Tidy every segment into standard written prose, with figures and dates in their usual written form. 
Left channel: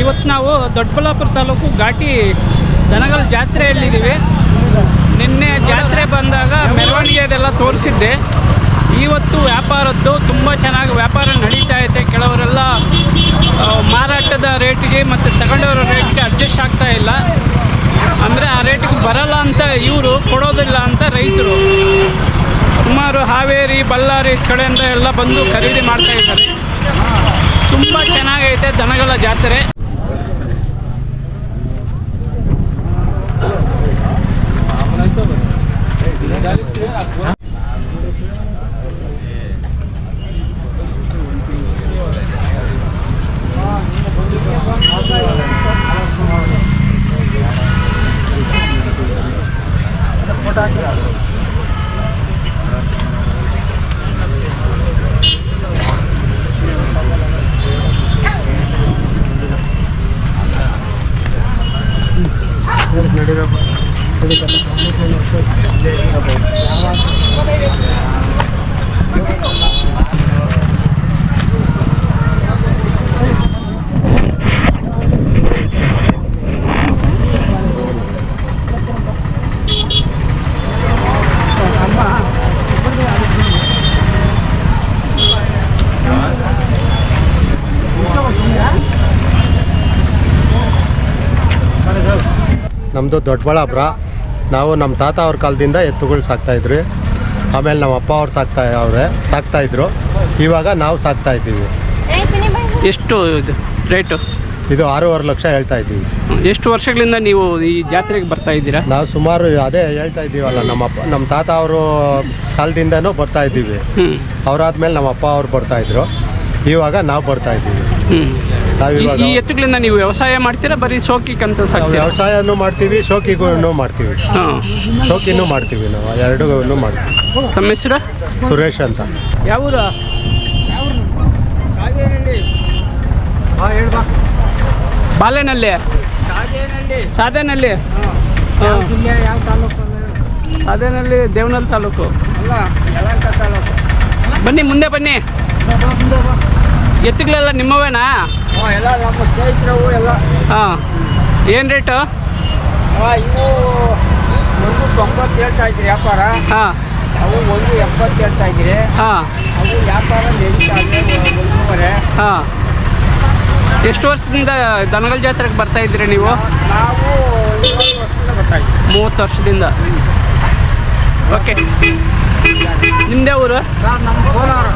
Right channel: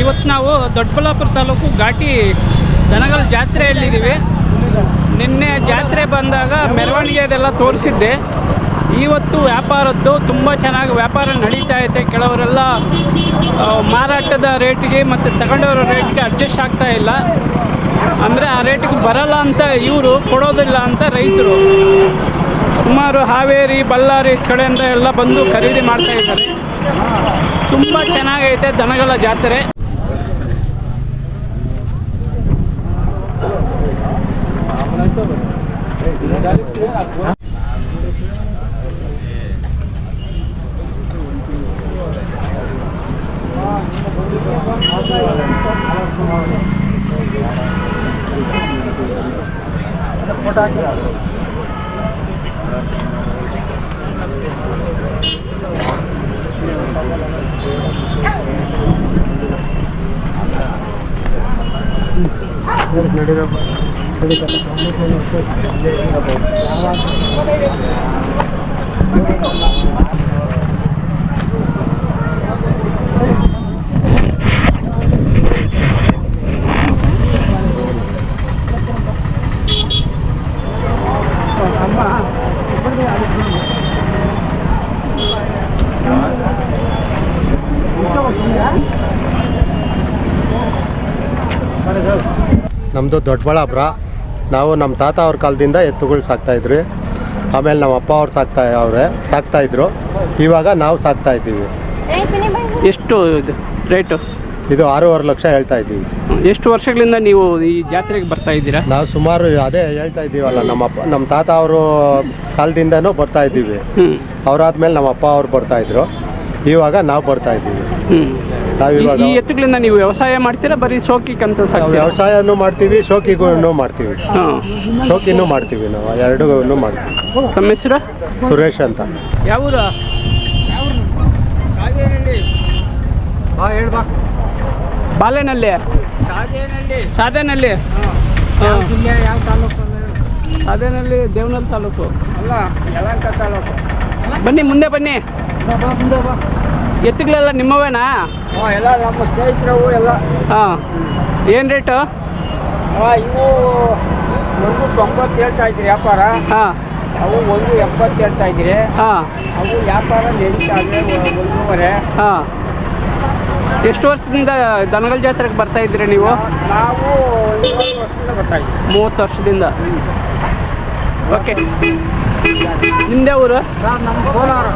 ಇವತ್ತು ನಾವು ದೊಡ್ಡಬಳ್ಳಾಪುರ ತಾಲೂಕು ಘಾಟಿ ದನಗಳ ಜಾತ್ರೆಯಲ್ಲಿದ್ದೀವಿ. ನಿನ್ನೆ ಜಾತ್ರೆ ಬಂದಾಗ ಮೆರವಣಿಗೆ ಅದೆಲ್ಲ ತೋರಿಸಿದ್ದೆ. ಇವತ್ತು ವ್ಯಾಪಾರದ್ದು ತುಂಬ ಚೆನ್ನಾಗಿ ವ್ಯಾಪಾರ ನಡೀತಾ ಐತೆ. ಕೆಲವರೆಲ್ಲ ಮಾರಾಟದ ರೇಟಿಗೆ ಮತ್ತು ತಗೊಂಡವರ ರೇಟಿಗೆ ಅಡ್ಜಸ್ಟ್ ಆಗ್ತಾ ಇಲ್ಲ, ಅಂದರೆ ಆ ರೇಟಿಗೆ ಬರಲ್ಲ ಅಂತ ಇವರು ಕೊಡೋದಿಲ್ಲ ಅಂತ ರೈತರು ಸುಮಾರು ಹಾವೇರಿ ಬಳ್ಳಾರಿ ಕಡೆಯಿಂದ ಎಲ್ಲ ಬಂದು ಖರೀದಿ ಮಾಡ್ತಾ ಇದ್ದಾರೆ. ತುಂಬ ಚೆನ್ನಾಗೈತೆ ದನಗಳ ಜಾತ್ರೆ. ನಮ್ಮದು ದೊಡ್ಡಬಳ್ಳಾಪುರ. ನಾವು ನಮ್ಮ ತಾತ ಅವ್ರ ಕಾಲದಿಂದ ಎತ್ತುಗಳು ಸಾಕ್ತಾಯಿದ್ವಿ. ಆಮೇಲೆ ನಮ್ಮ ಅಪ್ಪ ಅವ್ರು ಸಾಕ್ತಾಯಿದ್ರು. ಇವಾಗ ನಾವು ಸಾಕ್ತಾಯಿದ್ದೀವಿ. ಎಷ್ಟು ಇದು ರೇಟು? ಇದು 6.5 ಲಕ್ಷ ಹೇಳ್ತಾ ಇದ್ದೀವಿ. ಎಷ್ಟು ವರ್ಷಗಳಿಂದ ನೀವು ಈ ಜಾತ್ರೆಗೆ ಬರ್ತಾ ಇದ್ದೀರಾ? ನಾವು ಸುಮಾರು ಅದೇ ಹೇಳ್ತಾ ಇದ್ದೀವಲ್ಲ, ನಮ್ಮ ತಾತ ಅವರು ಕಾಲದಿಂದನೂ ಬರ್ತಾ ಇದ್ದೀವಿ. ಅವರಾದ್ಮೇಲೆ ನಮ್ಮ ಅಪ್ಪ ಅವ್ರು ಬರ್ತಾಯಿದ್ರು. ಇವಾಗ ನಾವು ಬರ್ತಾ ಇದ್ದೀವಿ. ನಾವಿವಾಗ ಈ ಎತ್ತುಗಳಿಂದ ನೀವು ವ್ಯವಸಾಯ ಮಾಡ್ತೀರಾ, ಬರೀ ಶೋಕಿಗಂತ ವ್ಯವಸಾಯನೂ ಮಾಡ್ತೀವಿ, ಶೋಕಿಗೂ ಮಾಡ್ತೀವಿ. ಶೋಕಿನೂ ಮಾಡ್ತೀವಿ, ನಾವು ಎರಡೂ ಮಾಡ್ತೀವಿ. ತಮ್ಮ ಹೆಸರು? ಸುರೇಶ್ ಅಂತ. ಯಾವೂರು? ಬಾಲೆನಲ್ಲಿ, ಸಾಧೇನಲ್ಲಿ, ಸಾಧೇನಲ್ಲಿ, ದೇವನಹಳ್ಳಿ ತಾಲೂಕು ಅಲ್ಲ, ಯಲಹಂಕ ತಾಲೂಕು. ಬನ್ನಿ, ಮುಂದೆ ಬನ್ನಿ. ಎತ್ತುಗಳೆಲ್ಲ ನಿಮ್ಮವೇನಾ? ಎಲ್ಲ ನಮ್ಮ ಸ್ನೇಹಿತರವು ಎಲ್ಲ. ಹಾಂ, ಏನು ರೇಟು? ಇವು 1.90 ಹೇಳ್ತಾ ಇದ್ರಿ ವ್ಯಾಪಾರ. ಹಾಂ, ಅವು 1.70 ಹೇಳ್ತಾ ಇದ್ರಿ. ಹಾಂ, ಅವು ವ್ಯಾಪಾರ ನಡೀತಾ ಇದೆ 1.5. ಹಾಂ. ಎಷ್ಟು ವರ್ಷದಿಂದ ದನಗಳ ಜಾತ್ರೆಗೆ ಬರ್ತಾ ಇದ್ದೀರಿ ನೀವು? ನಾವು 30 ವರ್ಷದಿಂದ ಬರ್ತಾ ಇದ್ದೀವಿ. 30 ವರ್ಷದಿಂದ. ಓಕೆ. ನಿಮ್ಮದೇ ಊರು? ಸರ್ ನಮ್ಮ ಕೋಲಾರ.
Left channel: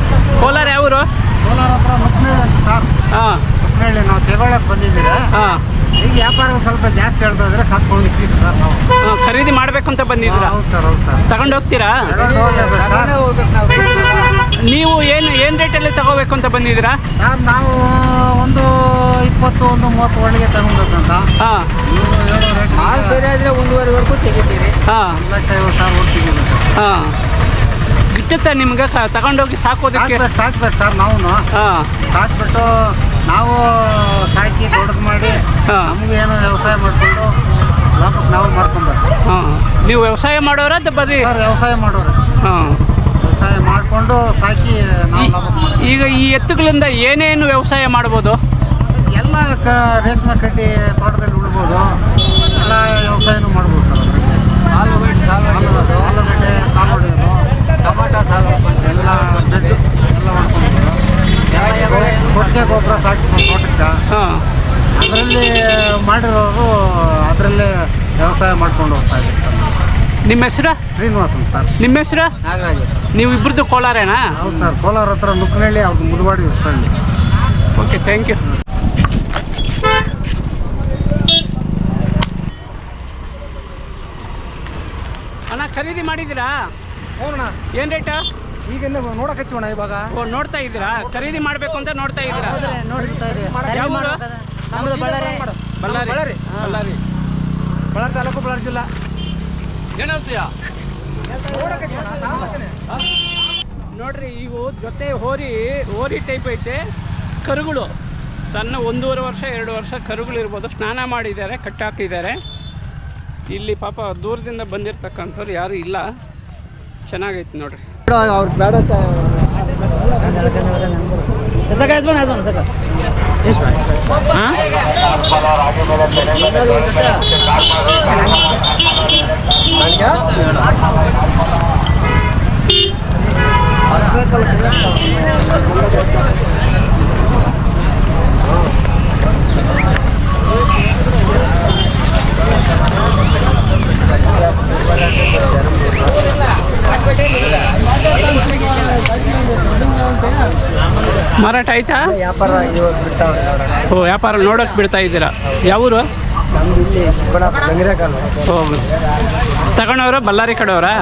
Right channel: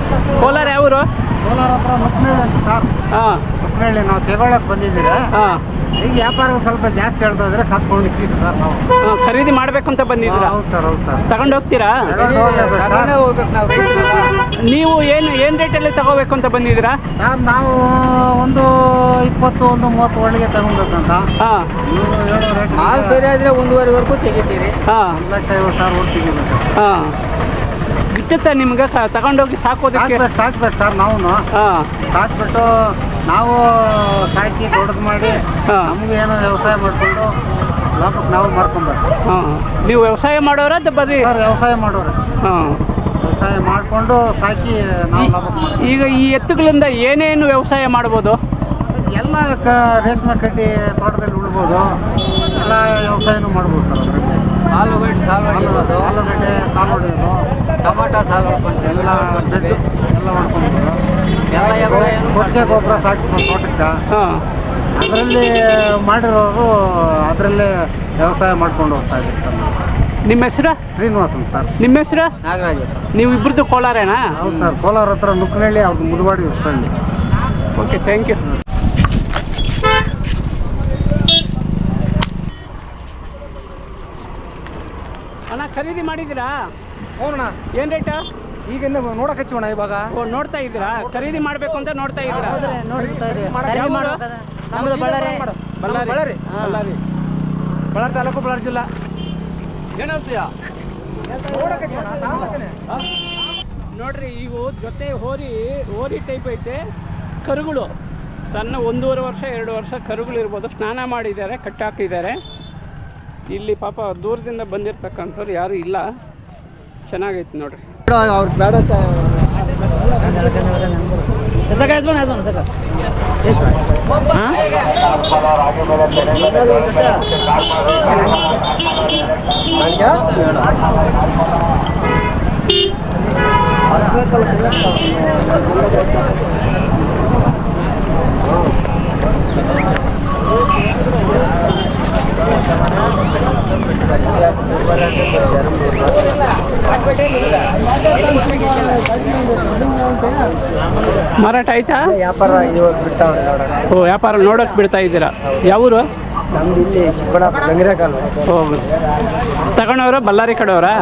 ಕೋಲಾರ ಯಾವ ಊರು? ಕೋಲಾರ ಹತ್ರ ಮುಕ್ನಳ್ಳಿ ಅಂತ ಸರ್. ಹಾಂ, ಮುಕ್ನಳ್ಳಿ. ನಾವು ತಗೊಳಕ್ಕೆ ಬಂದಿದ್ದೀರಾ? ಹಾಂ. ಈಗ ವ್ಯಾಪಾರ ಸ್ವಲ್ಪ ಜಾಸ್ತಿ ಹೇಳ್ತಾ ಇದ್ರೆ ಕತ್ಕೊಂಡು ನಿಂತಿದ್ದು ಸರ್ ನಾವು. ಖರೀದಿ ಮಾಡಬೇಕು ಅಂತ ಬಂದಿದ್ದೀರಾ? ಹೌದು ಸರ್, ಹೌದು ಸರ್. ತಗೊಂಡು ಹೋಗ್ತೀರಾ? ಹೋಗ್ಬೇಕು ನಾವು ರೈತರು. ನೀವು ಏನು ರೇಟಲ್ಲಿ ತಗೋಬೇಕು ಅಂತ ಬಂದಿದ್ದೀರಾ? ಸರ್ ನಾವು ಒಂದು 20-30 ಒಳಗೆ ತಗೊಬೇಕಂತ. ಹಾಂ. ಮಾಲ್ ಸರಿ ಆದರೆ 1.5ವರೆಗೂ ತೆಗಿತೀರಿ. ಹಾಂ, 1,50,000 ಒಟ್ಟು ತೆಗಿಬೇಕು. ಹಾಂ. ಇಟ್ಟುತ್ತಾ ನಿಮ್ಗೆ ತಗೊಂಡೋಗಿ ಸಾಕೋದಕ್ಕೆ? ಸಾಕ್ಬೇಕು ಸರ್. ನಾವು ಹಾಂ, ಸಾಕ್ಬಿಟ್ಟು ನಾವು ಸಾಕಿ ದೊಡ್ಡದು ಮಾಡಿ ನಮ್ಗೆ ಏನೋ ವ್ಯವಸಾಯ ಮಾಡಿಕೊಂಡು ಲಾಭಕ್ಕೆ ನಾವು ಮಾಡ್ಕೊಬೇಕು. ಹಾಂ. ನೀವು ವ್ಯವಸಾಯ ಮಾಡೋರ ಬರೀ? ಸರ್ ವ್ಯವಸಾಯ ಮಾಡೋರು. ಹಾಂ, ವ್ಯವಸಾಯ ಮಾಡಿಕೊಂಡು ಸಾಕಿ ನಾವು ಲಾಭಕ್ಕೆ ಮಾಡ್ತೀವಿ. ಈಗ ಈ ಎತ್ತುಗಳಿಂದ ಏನೇನು ವ್ಯವಸಾಯ ಮಾಡ್ಬೋದು? ಎಲ್ಲ ರೇಷ್ಮೆ ಕಡ್ಡಿ ತೋಟದಲ್ಲಿ ಉಳ್ಬೋದು, ಎಲ್ಲ ವ್ಯವಸಾಯನೂ ಮಾಡ್ಬೋದು ಸರ್. ಅದರಲ್ಲಿ ಆಲೂಗಡ್ಡೆ ಸಾಲು ಹೊಡಿಯೋದು, ಆಲೂಗಡ್ಡೆ ಸಾಲು ಹೊಡೆಯೋದು, ಟೊಮಾಟೊ ಸಾಲು ಹೊಡ್ಕೊಂಡು ಎಲ್ಲ ಬೆಡ್ ಎಲ್ಲ ಮಾಡ್ಕೊಬೋದು. ಕೊಟ್ಟಿಗೆ ಗೊಬ್ಬರ ಸಾಕಿಸ್ಬೋದು ತೋಟಕ್ಕೆ. ಹಾಂ. ಅದರಲ್ಲಿ ಮಾಡಿರೋರು ಅದರಲ್ಲೇ ವ್ಯವಸಾಯ ಮಾಡ್ಕೊಂಡು ಹೋಗ್ತಾ ಇದ್ದೀವಿ ಸರ್. ನಿಮ್ಮ ಹೆಸರು? ಶ್ರೀನಿವಾಸನ್ ಸರ್. ನಿಮ್ಮ ಹೆಸರು? ನಾಗರಾಜ್. ನೀವು ಇಬ್ಬರದ್ದು ಕೋಲಾರೇನಾ? ಹೌದು ಸರ್, ಕೋಲಾರ ಹತ್ರ ನುಕ್ಕನಹಳ್ಳಿ, ಅವ್ರದ್ದು Muduvadi Hosalli. Okay, thank you. ಅಣ್ಣ ಖರೀದಿ ಮಾಡಿದ್ದೀರಾ? ಹೋಗೋಣ. ಏನು ರೇಟು? ಈಗಿಂದ ನೋಡಕ್ಕೆ ಹಚ್ಚೋಣ ಇವಾಗ. ನೋಡ್ತಾ ಇದ್ದೀರಾ? ಖರೀದಿ ಮಾಡಬೇಕು ಅಂತ ನೋಡ್ತಾ ಇದ್ದೀರಾ? ನಮ್ಮದು ಬಳ್ಳಾರಿ. ಬಳ್ಳಾರಿ. ಬಳ್ಳಾರಿ ತಾಲೂಕು, ಬಳ್ಳಾರಿ ಜಿಲ್ಲಾ. ಏನಂತೀಯ? ನೋಡ್ರಿ, ಇವು ಜೊತೆ ಹೋರಿ ಟೈಪ್ ಐತೆ. ಕರುಗಳು ಸಣ್ಣ 1.5 ವರ್ಷ 2 ವರ್ಷ ಕರುಗಳು ಇರ್ಬೋದು. ಸ್ನಾನ ಮಾಡಿದ್ದಾರೆ, ಕಟ್ಟಾಕಿದ್ದಾರೆ. ಇಲ್ಲಿ ಪಾಪ ದೂರದಿಂದ ಬಂದಿರತಕ್ಕಂಥವ್ರು ಯಾರು ಇಲ್ಲ. ಚೆನ್ನಾಗೈತೆ ನೋಡ್ರಿ. ಅವ್ರು ಬೇಡ ಎಷ್ಟು ಮಾರಾಟ ಆಯ್ತಾ? ವ್ಯಾಪಾರ ಇವಾಗ ಬಿಡ್ತಾವ್ರೆ ನೋಡೋಣ. ಓ, ವ್ಯಾಪಾರ ನೋಡೋಕೆ ಬಿಡ್ತಾ ಇದ್ದೀರಾ? ಯಾವೂರು? ನಮ್ದು ಇಲ್ಲಿ ಚಿಕ್ಕಬಳ್ಳಾಪುರ ಗಂಗಿರಕಾಲ. ಹೋಗಿ ತಗೊಂಡವ್ರ ಬಳ್ಳಾರಿ ಕಡೆಯವರಾ?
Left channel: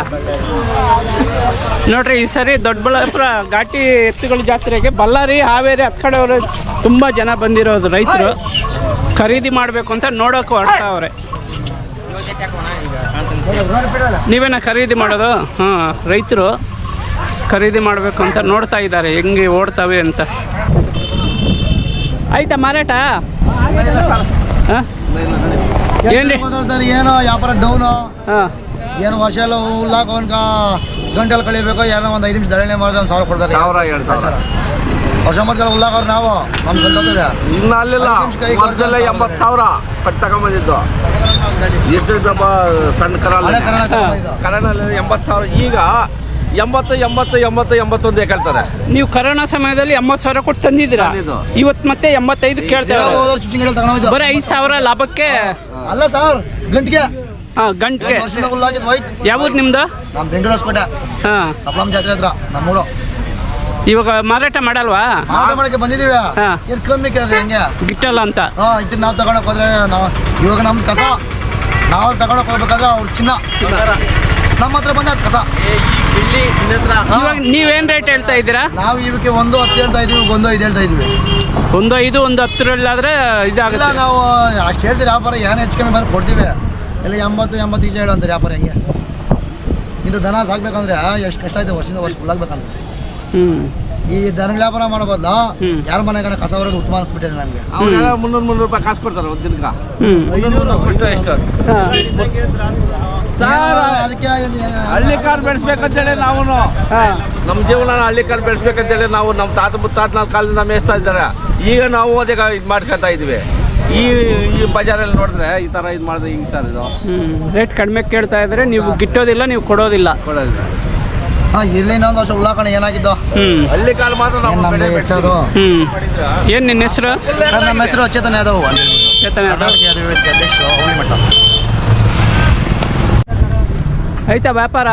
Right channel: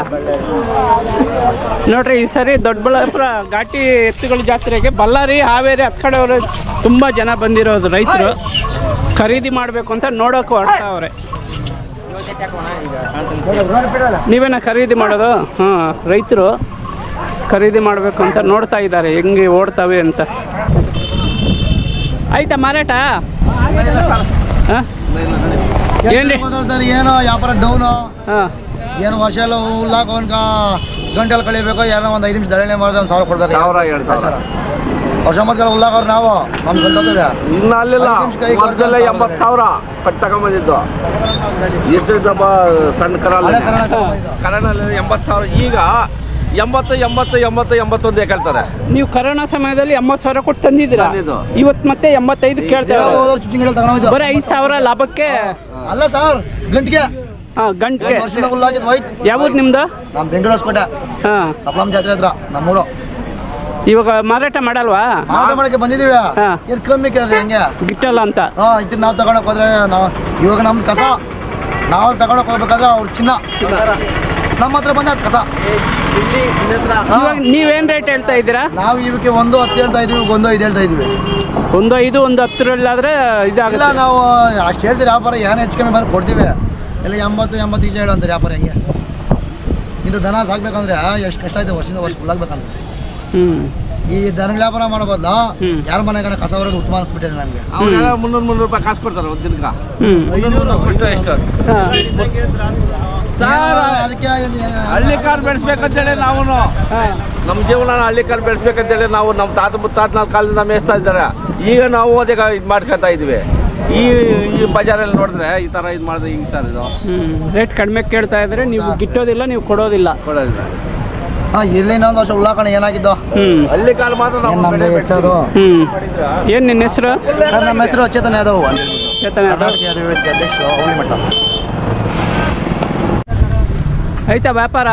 ನೋಡ್ರಿ, ಈ ಸರಿ ದೊಡ್ಡಬಳ್ಳಾಪುರ ಘಾಟಿ ಎತ್ತುಗಳ ಜಾತ್ರೆಗೆ ಬಳ್ಳಾರಿ, ಹಾವೇರಿ ಹತ್ತು ಕಡೆಯವರು ತುಂಬ ಜನ ಬಂದಿರೋದು. ರೈತರು ಖರೀದಿ ಮಾಡಬೇಕು ಅಂತ ನೋಡೋಕೆ ಹೊರಟವ್ರೆ. ನೀವೇನ ಖರೀದಿ ಮಾಡೋದು? ಹಾಂ, ರೈತರು ಖರೀದಿ ಮಾಡಬೇಕು ಅಂತ ನೋಡ್ತಾ ಇದ್ದಾರೆ ಹೆಂಗೆ ಓಡ್ತವೆ ಅಂತ. ಆಯ್ತಾ ಮಾರಾಟ? ಹಾಂ, ಏನ್ರಿ ಸರ್ ಏನೋ ವ್ಯಾಪಾರ ಡೌನು, ಹಾಂ, ಏನು ವರ್ಷ ಎಲ್ಲ ಹುಲ್ಲಾಕ ಗಂಟೆಲ್ಲ ಕಳಿಬೇಕು, ಏನೋ ಒಂದು 5 ನಿಮಿಷ ದಳನೆ ಮಾಡಿದ್ರೆ 1,000 ಕೊಡ್ತಾರೆ. ವರ್ಷ ಮೊದಲ ಹುಲ್ಲಾಕವ್ರು ನಾವು ನಮ್ಗೆ ಗೊತ್ತಾಗ್ತದೆ. ಇನ್ನು ಅಲ್ಲಿಲ್ಲ, ಮೊದಲೆಲ್ಲ 80,000 ಪಟ್ಟು ತಗೊಂಬಂದಿದ್ದು. ಎಷ್ಟು ಸಣ್ಣ ಹಳೆ ಕನ್ನಡ ಕನ್ನಡಲ್ಲಿ 80,000. ಈಗ 81 ಕೇಳ್ತಾರೆ. ನೀವು ಕರೋನಾ ಸಮಯದಲ್ಲಿ 80,000 ಕೊಟ್ಟು ತಂದಿದ್ದೀರಾ, ತಂದಿದ್ದು. ಇವತ್ತು ಮತ್ತೆ 85 ಕೇಳ್ತಾರೆ. ಚುಚ್ಚಿಂಗ್ ತಗೊಂಡು ಬರೀ 5,000 ಲಾಭಕ್ಕೆ. ಅಲ್ಲ ಸರ್, ಗಂಟೆಗೆ ಹಾಂ, ಗಂಟೆಗೆ. ವರ್ಷದಿಂದ ಹುಲ್ಲಾಕಿದ್ ಹೋಯ್ತು. ಯಾವ್ದು ನಿಮ್ದು? ನಮ್ಮ ಬೆಂಗಳೂರು ಹೊಸಕೋಟೆ ಹಾಂ, ಸಪ್ಲಂ ಜಾತ್ರೆ ಹತ್ರ ನಮ್ಮೂರು. ಇವಾಗ ಮಾರಾಟ ಮಾಡಲ್ವಾ? ಮಾರಾಟ ಮಾಡಕ್ಕೆ ಬಂದಿದ್ದೀವಿ. ಹಾ. ಏನು ಕಮ್ಮಿ ಕೇಳ್ರಿ ಹೆಂಗೆ? ಗಿಟ್ಟಲ್ಲ ಅಂತ. ಇದನ್ನ ನಾವು ತಗೊಳಕ್ ಹೋದ್ರೆ ನಾವು ಇವಾಗ ನಮ್ದು ಕಸ ನಾವು ತಗೊಳಕ್ ಹೋಗ್ಬೇಕಾದ್ರೆ ಅವ್ರು ಚಿನ್ನ ನಮ್ಮ ಹತ್ರ ಬಂದ ಕಸ. ಇವಾಗ ನೀವೇನು ರೇಟ್ ಹೇಳ್ತಾ ಇದ್ದೀರಾ? ನಾವು ಇವಕ್ಕೆ 1.10 ಹೇಳ್ತಾ ಇದೀವಿ, 1.5 ಹೇಳ್ತಾ ಇದೀವಿ. 1.5, 1.10 ಇಲ್ಲ, ಇದಾಗುತ್ತೆ. ನಾವು ಅಷ್ಟು ಹೇಳ್ತೀವಿ ವ್ಯಾಪಾರ, ಏನು ಹೆಚ್ಚು ಕಮ್ಮಿ ಬಂದ್ರೆ ಕೊಡ್ತೀವಿ. ಇಲ್ಲ 80 ಈಚೆ ಹೇಳು ಅಂತಾರೆ ವ್ಯಾಪಾರ. ಹೆಂಗೆ ಇದು ದನ ಸಾಕ್ಬೇಕಂದ್ರೆ ಎಷ್ಟು ಕಷ್ಟ ಆಯ್ತು, ವರ್ಷದಿಂದ ವರ್ಷ ಫುಲ್ಲಾಗ್ಬೇಕಂದ್ರೆ. ಹ್ಞೂ, ಈ ದನ ವ್ಯಾಪಾರ ಮಾಡಬಾರ್ದು, ಹ್ಮ್. ಯಾರ ಮನೆಗಾರ ಕಸ ಹೊರದು ಉತ್ತಮ ಅನಿಸ್ಬಿಟ್ಟಿದೆ ನಮಗೆ. ಅವರೆಲ್ಲ 300 ರೂಪಾಯಿ ಕಾಸು ಕೊಡ್ತಾರೆ ಒಂದು ದಿನಕ್ಕೆ. ಹ್ಞೂ, 300 ಕೊಟ್ಟರೆ ಎಷ್ಟು? ಅದಕ್ಕೆ ಹಳ್ಳಿ ಕಾರ್ ಬೆಳೆಸ್ಬೇಕಂತೇಳಿ ನಾವು ನಮ್ಮ ಜೀವನ ಹಳ್ಳಿ ಕಾರ್ ಬೆಳೆಸ್ಬೇಕಂತೇಳಿ ನಾವು ನಮ್ಮ ತಾತ ಮುತ್ತಾತನ ಕಾಲದಿಂದ ಮೇಯಿಸ್ತಾ ಇದ್ದಾರೆ. ಈಗ ನಾವು ಅದಕ್ಕೆ ಇದು ಮಾಡ್ಕೊತಾ ಇದ್ವಿ. ಈ ಬಜಾರಲ್ಲಿ ನೋಡಿದ್ರೆ ಈ ಥರ ಇದು ಮಾಡಿದ್ರೆ ಹಿಂಗೆ ಸರ್ ಇದು ರೇಟ್ ಕಡಿಮೆ ಕೇಳ್ತಾ ಇದ್ರೆ ನೀವು ಗಿಟ್ಟೋದಿಲ್ಲ, ನೀವು ಕೊಡೋದಿಲ್ಲ. ಕೊಡೋದಿಲ್ಲ. ಇಲ್ಲಿ ಇನ್ನೊಂದು ವರ್ಷ ಉಳ್ಳಾಕಣ ಏನಾಗಿದ್ದು. ಹಳ್ಳಿ ಕಾಲ ಮಾತ್ರ ಏನು ನಾವು ನಮ್ದು ಹೆಚ್ಚೋದು. ಏನು ನಿನ್ನ ಹೆಸರು? ಸರ್ ನಮ್ಮ ಹೆಸರು ಚೇತನ ಯಾದವ್, ಚೇತನ ಯಾದವ್. ಕರ್ನಾಟಕ ಯಾದವ್ ವೇದಿಕೆ ಅಧ್ಯಕ್ಷರು, ಹುಳಿ ಮಠ. ಆಯ್ತಾ ವ್ಯಾಪಾರ?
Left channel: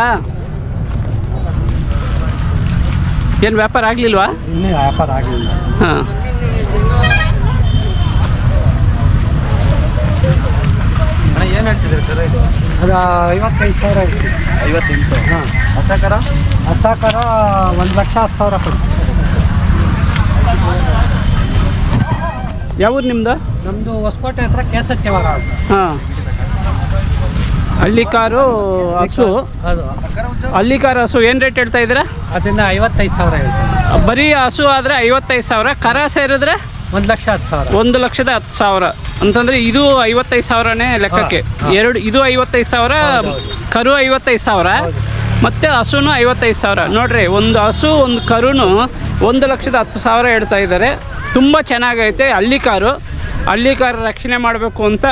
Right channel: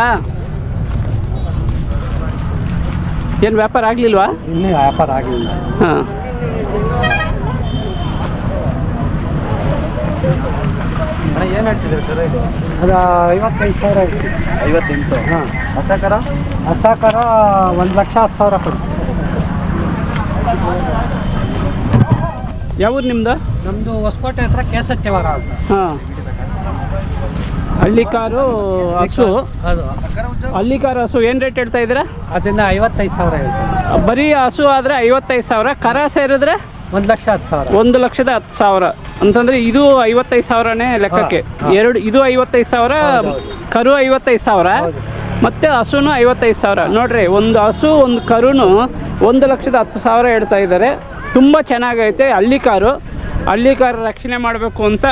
ಏನು ವ್ಯಾಪಾರ ಆಗಲಿಲ್ವಾ? ಇನ್ನೂ ವ್ಯಾಪಾರ ಆಗಲಿಲ್ಲ. ಹಾಂ, ಏನು ಹೇಳ್ತಿದ್ದೀರಿ ಸರ್? ಇದು ಅದು 55,000 ಆಗಿದೆ. 58. ಹಾಂ, ಹಸಕರ ಹಸಾಕರ 1,10,000 ಕೊಡಿ. ಯಾವ್ದು ನಿಮ್ಮದು? ನಮ್ಮದು ಹೊಸಕೋಟೆ ಹತ್ರ ಕೇಸತ್ಯವರ ಅಂತ. ಹಾಂ, ಹಳ್ಳಿ ಕಾರು ಹಸು. ಅದು ಹಳ್ಳಿ ಕಾರು ಹಸು ಏನು ರೇಟ್ ಹೇಳ್ತಾ ಇದ್ದೀರಾ? ಅದರಿಂದ 55,000 ಹೇಳ್ತೀನಿ. ಬರೀ ಹಸು ಆದರೆ 55,000, ಕರ ಸೇರಿದ್ರೆ 1,10,000. 1,10,000 ಅಂತಂದರೆ ಇದು 55,000ನೇ ಲೆಕ್ಕಕ್ಕೆ. ಎರಡು ಇದು 55,000, ಕರು 55,000 ಮತ್ತು ಹಸುನು 55,000. ನೋಡ್ರಿ, ಒಂದು ಹಸು ಒಂದು ಕರುನು 1,10,000 ಹೇಳ್ತಾ ಇದ್ದಾರೆ. ತುಂಬ ಚೆನ್ನಾಗೈತೆ ಹಳ್ಳಿ ಕಾರು. ರಕ್ಷಣೆ ಮಾಡಬೇಕು ಅಂತ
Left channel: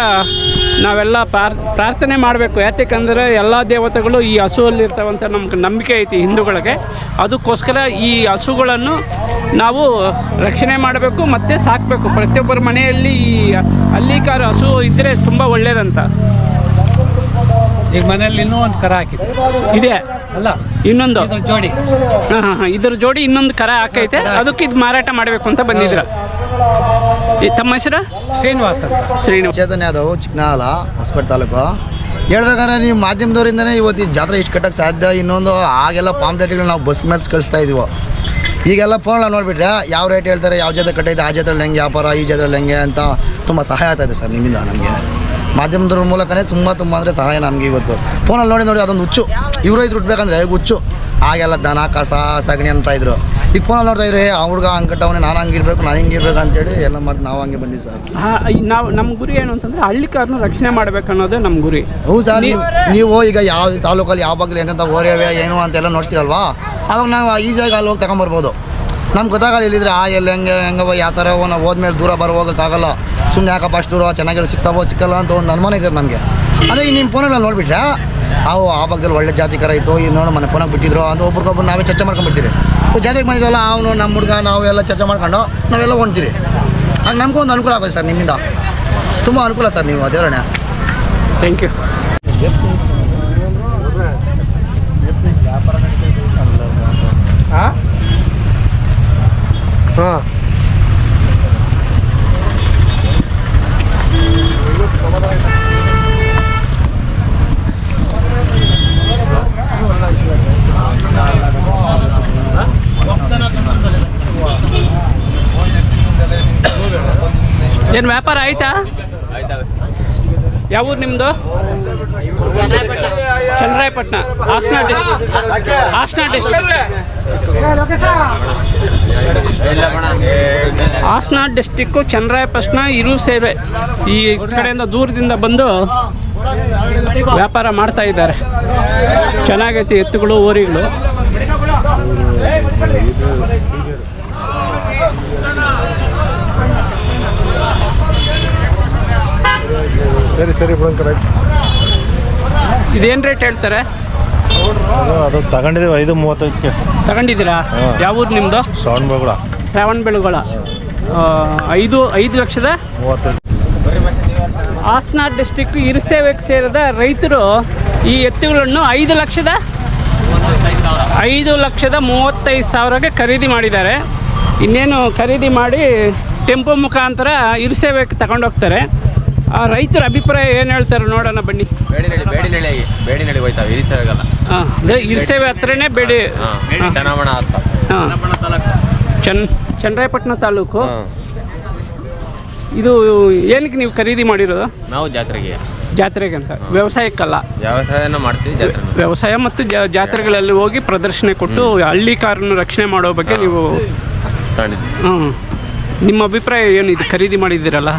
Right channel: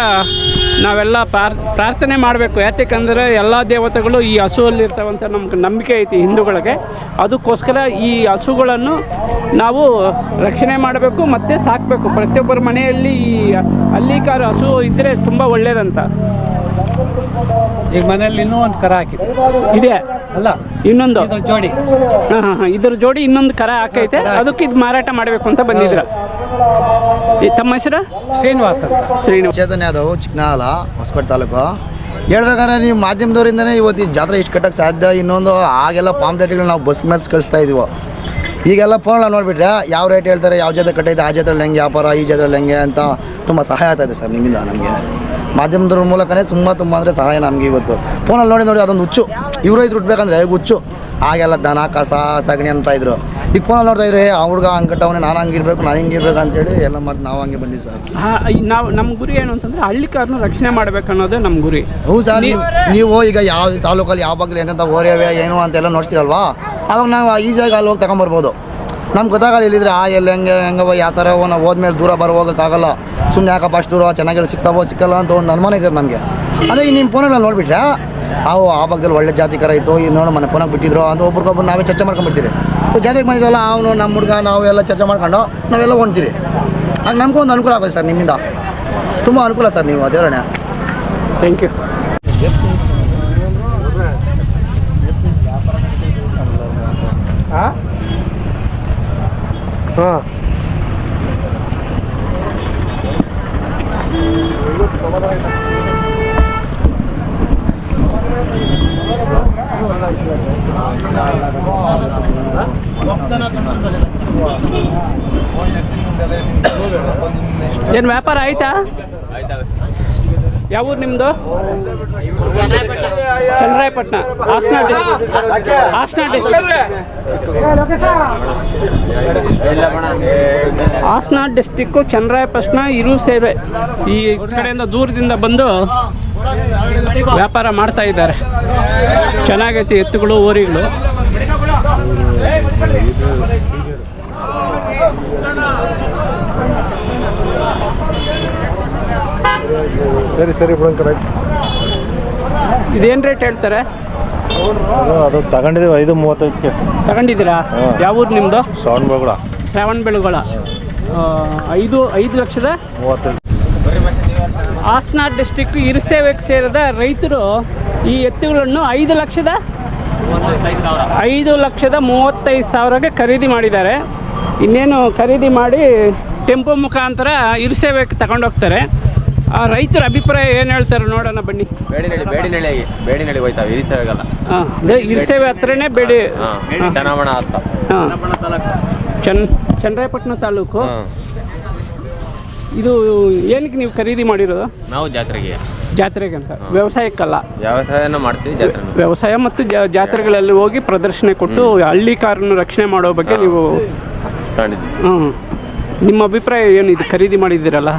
ನಾವೆಲ್ಲ ಪ್ರಾರ್ಥನೆ ಮಾಡಬೇಕು. ಯಾಕೆಂದರೆ ಎಲ್ಲ ದೇವತೆಗಳು ಈ ಹಸುವಲ್ಲಿ ಇರ್ತಾವಂತ ನಮ್ಗೆ ನಂಬಿಕೆ ಐತಿ ಹಿಂದೂಗಳಿಗೆ. ಅದಕ್ಕೋಸ್ಕರ ಈ ಹಸುಗಳನ್ನು ನಾವು ರಕ್ಷಣೆ ಮಾಡಬೇಕು ಮತ್ತು ಸಾಕಬೇಕು. ಪ್ರತಿಯೊಬ್ಬರ ಮನೆಯಲ್ಲಿ ಈ ಹಳ್ಳಿ ಕಾರು ಹಸು ಇದ್ದರೆ ತುಂಬ ಒಳ್ಳೆಯದಂತ. ಈಗ ಮನೇಲಿ ಇನ್ನೂ ಒಂದು ಕರ ಹಾಕಿದೆ. ಇದೆ ಅಲ್ಲ, ಇನ್ನೊಂದು ಇದ್ರ ಜೋಡಿ. ಹಾಂ, ಇದ್ರ ಜೋಡಿ ಇನ್ನೊಂದು ಕರ ಹಾಕೈತೆ. ಅದಕ್ಕೆ ಇದು ಮಾರಾಟ ಮಾಡಬೇಕು ಅಂತ ಬಂದಿದ್ರ. ತಮ್ಮ ಹೆಸರು? ಶ್ರೀನಿವಾಸ್ ಅಂತ. ಶ್ರೀನಿವಾಸ್. ಚೇತನ ಯಾದವ್, ಚಿಕ್ಕನಾಲ, ಹೊಸಕೋಟೆ ತಾಲೂಕು. ಹೇಳ್ಬೇಕಾದ್ರೆ ನೀವು ಮಾಧ್ಯಮದವರಿಂದನೇ ಇವತ್ತು ಈ ಜಾತ್ರೆ ಇಷ್ಟು ಕಟ್ಟಕ್ಕೆ ಸಾಧ್ಯ. ಇನ್ನೊಂದು ಆಗೆಲ್ಲ ಪಾಂಪ್ಲೆಟ್ಗಳು ನಾವು ಬಸ್ ಮ್ಯಾಚ್ ಕಳಿಸ್ತಾ ಇದೀವೋ. ಈಗೆಲ್ಲ ಫೋನ್ ನೋಡಿಬಿಟ್ರೆ ಯಾವ ರೇಟ್ ಹೇಳ್ತಾರೆ, ಯಾವ ಜಾತ್ರೆ ಕಟ್ಟೈತೆ, ಆ ಜಾತ್ರೆಯಲ್ಲಿ ಹೆಂಗೆ ವ್ಯಾಪಾರ, ಈ ಜಾತ್ರೆಯಲ್ಲಿ ಹೆಂಗೆ ಅಂತ ತುಂಬ ಸಹಾಯ ಆಗ್ತಾಯಿದೆ ಸರ್ ನಿಮ್ಮಿಂದ. ನಮಗೆ ಮಾಧ್ಯಮದವ್ರ ಮೂಲಕನೇ ತುಂಬ ಅಂದರೆ ಸಹಾಯ ನಮಗೆ ಇವತ್ತು. ಫೋನಲ್ಲಿ ನೋಡಿ ಅದೊಂದು ಹುಚ್ಚು. ಇವರು ಇದು ಹುಟ್ಟಬೇಕಂದ್ರೆ ಹುಚ್ಚು. ಆಗೆಲ್ಲ ದನ ಕಸ ಸಗಣಿ ಅಂತ ಇದ್ರು. ಈಗ ಫೋನಲ್ಲಿ ನೋಡ್ತಾ ಇದ್ರೆ ಆ ಹುಡುಗ ಹಂಗೆ ಕಟ್ಟವನೇ, ನಾನು ಹಂಗಿರ್ಬೇಕು, ನಾನು ಹಿಂಗಿರ್ಬೇಕು ಅಂತೇಳಿ ಎಲ್ಲ ಮಾಡಿ ನಾವು ಹಂಗೆ ಬಂದಿದ್ದು ಸರ್. ನಾವು ನಮ್ಮ ಗುರಿ ಏನು ಅಂತಂದರೆ ಹಳ್ಳಿ ಕಾರನ್ನು ರಕ್ಷಣೆ ಮಾಡಬೇಕು ಅನ್ನೋದೇ ನಮ್ಮ ಗುರಿ. ಹೌದು ಸರ್. ನೀವು ಈಗ ಯಾವ ತಾಲೂಕಲ್ಲಿ ಯಾವ ಭಾಗದಲ್ಲಿ ಏನಂತ ಓರಿಯವೆ ಏನು ಅಂತೆಲ್ಲ ನೋಡ್ತೀರಲ್ವಾ, ಅವಾಗ ನಾವು ಈಸಿಯಾಗಿ ಅಲ್ಲಿ ಹೋಗಿ ತಗೊಂಬರ್ಬೋದು. ನಮ್ಗೆ ಗೊತ್ತಾಗಲ್ಲ ಇಲ್ಲಿದ್ರೆ ಎಲ್ಲಿ ಹೆಂಗವ ಯಾವ ಥರ ನಾವು ಹೋದ್ಮೇಲೆ ದೂರ ಹೋಗೋಕ್ಕಾಗಲ್ಲ. ಸುಮ್ಮನೆ ಯಾಕಪ್ಪ ಅಷ್ಟು ದೂರ ಚೆನ್ನಾಗಿರೋ ಸಿಗ್ತಾವೋ ಸಿಕ್ಕಲ್ಲ ಅಂತ ಒಂದು ಅನುಮಾನ ಇರ್ತದೆ ನಮಗೆ. ಅದೇ ನಿಮ್ಮ ಫೋನಲ್ಲಿ ನೋಡಿಬಿಟ್ರೆ ಅವು ಆ ಭಾಗದಲ್ಲಿ ಒಳ್ಳೆ ಜಾತಿ ಕರ ಇತ್ತು, ಈಗ ನೋಡಿ ಮನೆ ಫೋನಾಗ ಬಿಟ್ಟಿದ್ರು ಅಂತ ಒಬ್ರಿಗೊಬ್ಬರು ನಾವೇ ಚರ್ಚೆ ಮಾಡ್ಕೊಂಡ್ಬಿಡ್ತೀರಿ. ಜಾತಿಗೆ ಬಂದಿದ್ವಲ್ಲ ಅವನು ನಮ್ಮ ಹುಡುಗ ನಾವು ಎಲ್ಲ ಚರ್ಚೆ ಮಾಡ್ಕೊಂಡು ನಾವೆಲ್ಲ ಹೊಣ್ತೀರಿ. ಆಗ ನಮಗೊಂದು ಅನುಕೂಲ ಆಗೋದು ಸರ್, ನಿಮ್ಮಿಂದ ತುಂಬ ಅನುಕೂಲ ಸರ್. ನೀವು ದೇವರಣ್ಣ ಥ್ಯಾಂಕ್ ಯು. ಹಾಂ ಏನು ವ್ಯಾಪಾರ ಆಯ್ತಾ? ಯಾವ ಊರು ನಿಮ್ಮದು? ಚನ್ನರಾಯಪಟ್ಟಣ, ಹಾಸನ ಡಿಸ್ಟ್ರಿಕ್ಟ್. ಹಾಸನ ಡಿಸ್ಟಿಕ್ಕು ಚನ್ನರಾಯಪಟ್ಟಣ ಹಿರುಸೇವೆ ಈ ಕಡೆಯಿಂದ ದೂರದಿಂದ ಬಂದು ವ್ಯಾಪಾರ ಮಾಡ್ತಾ ಇದ್ದಾರೆ. ಚೆನ್ನಾಗೈತಿ ಎತ್ತುಗಳು, ಓರಿಗಳು. ಸರಿ ಬಿಡೋಣ ಕರೆಕ್ಟ್. ಇದೇನು ರೇಟ್ ಹೇಳ್ತಾರೆ? ಅದು ತಗೊಂಡಿದ್ದೀವಿ 5:35ಕ್ಕೆ ತಗೊಂಡಿದ್ದೀರಾ? ಯಾವ ಊರು ನಿಮ್ಮದು? ಶ್ರವಣಬೆಳಗೊಳ. 5,35,000. ಹಾಸನ ಡಿಸ್ಟ್ರಿಕ್ಟ್ ಹಿರುಸೇವೆಗೆ ಸೇರಿದ ರೈತರು ಈ ಎತ್ತುಗಳನ್ನು 5,35,000ಕ್ಕೆ ಖರೀದಿ ಮಾಡಿದ್ದಾರೆ. ಇನ್ನೇನು ಖರೀದಿ ಮಾಡಿ ಟೆಂಪೋ ಮುಖಾಂತರ ಹಿರುಸೇವೆಗೆ ತಗೊಂಡೋಗ್ತಾರೆ. ಆ ರೈತರ ಅಭಿಪ್ರಾಯ ಏನು ಹೇಳ್ತಾರೆ ನೋಡೋಣ ಬನ್ನಿ. ಬೇಡಿನಳ್ಳಿ ಹೋಯ್ತಾವೆ, ಹಿರಿಸೇವೆಗಲ್ಲ. ಹಾಂ, ಹಿರುಸೇವೆ ಹತ್ರನೇ ಬೇಡಿ. ಚನ್ನಮಣ ಅಂತ. ಹಾಂ, ಚನ್ನರಾಯಪಟ್ಟಣ ತಾಲೂಕು. ಇದು ಏನಕ್ಕೆ ನೀವು ಖರೀದಿ ಮಾಡಿರೋದು? ನಾವು ಜಾತ್ರೆಗೆ ಅಂತ, ವ್ಯವಸಾಯಕ್ಕಲ್ಲ. ವ್ಯವಸಾಯನ ಮಾಡ್ತೀವಿ, ಜಾತ್ರೆ. ವ್ಯವಸಾಯ ಮತ್ತು ಜಾತ್ರೆಗಳಲ್ಲಿ ಹೋಗಿ ಪ್ರದರ್ಶನ ಕೊಟ್ಟು ಹಳ್ಳಿ ಕಾರನ್ನು ರಕ್ಷಣೆ ಮಾಡೋ ಬಗ್ಗೆ ನೀವು. ಹ್ಞೂ, ನಿಮ್ಮ ಅಭಿಪ್ರಾಯ ಏನು? ಇದು ಖರೀದಿ ಮಾಡಿದ್ದೀರಲ್ಲ,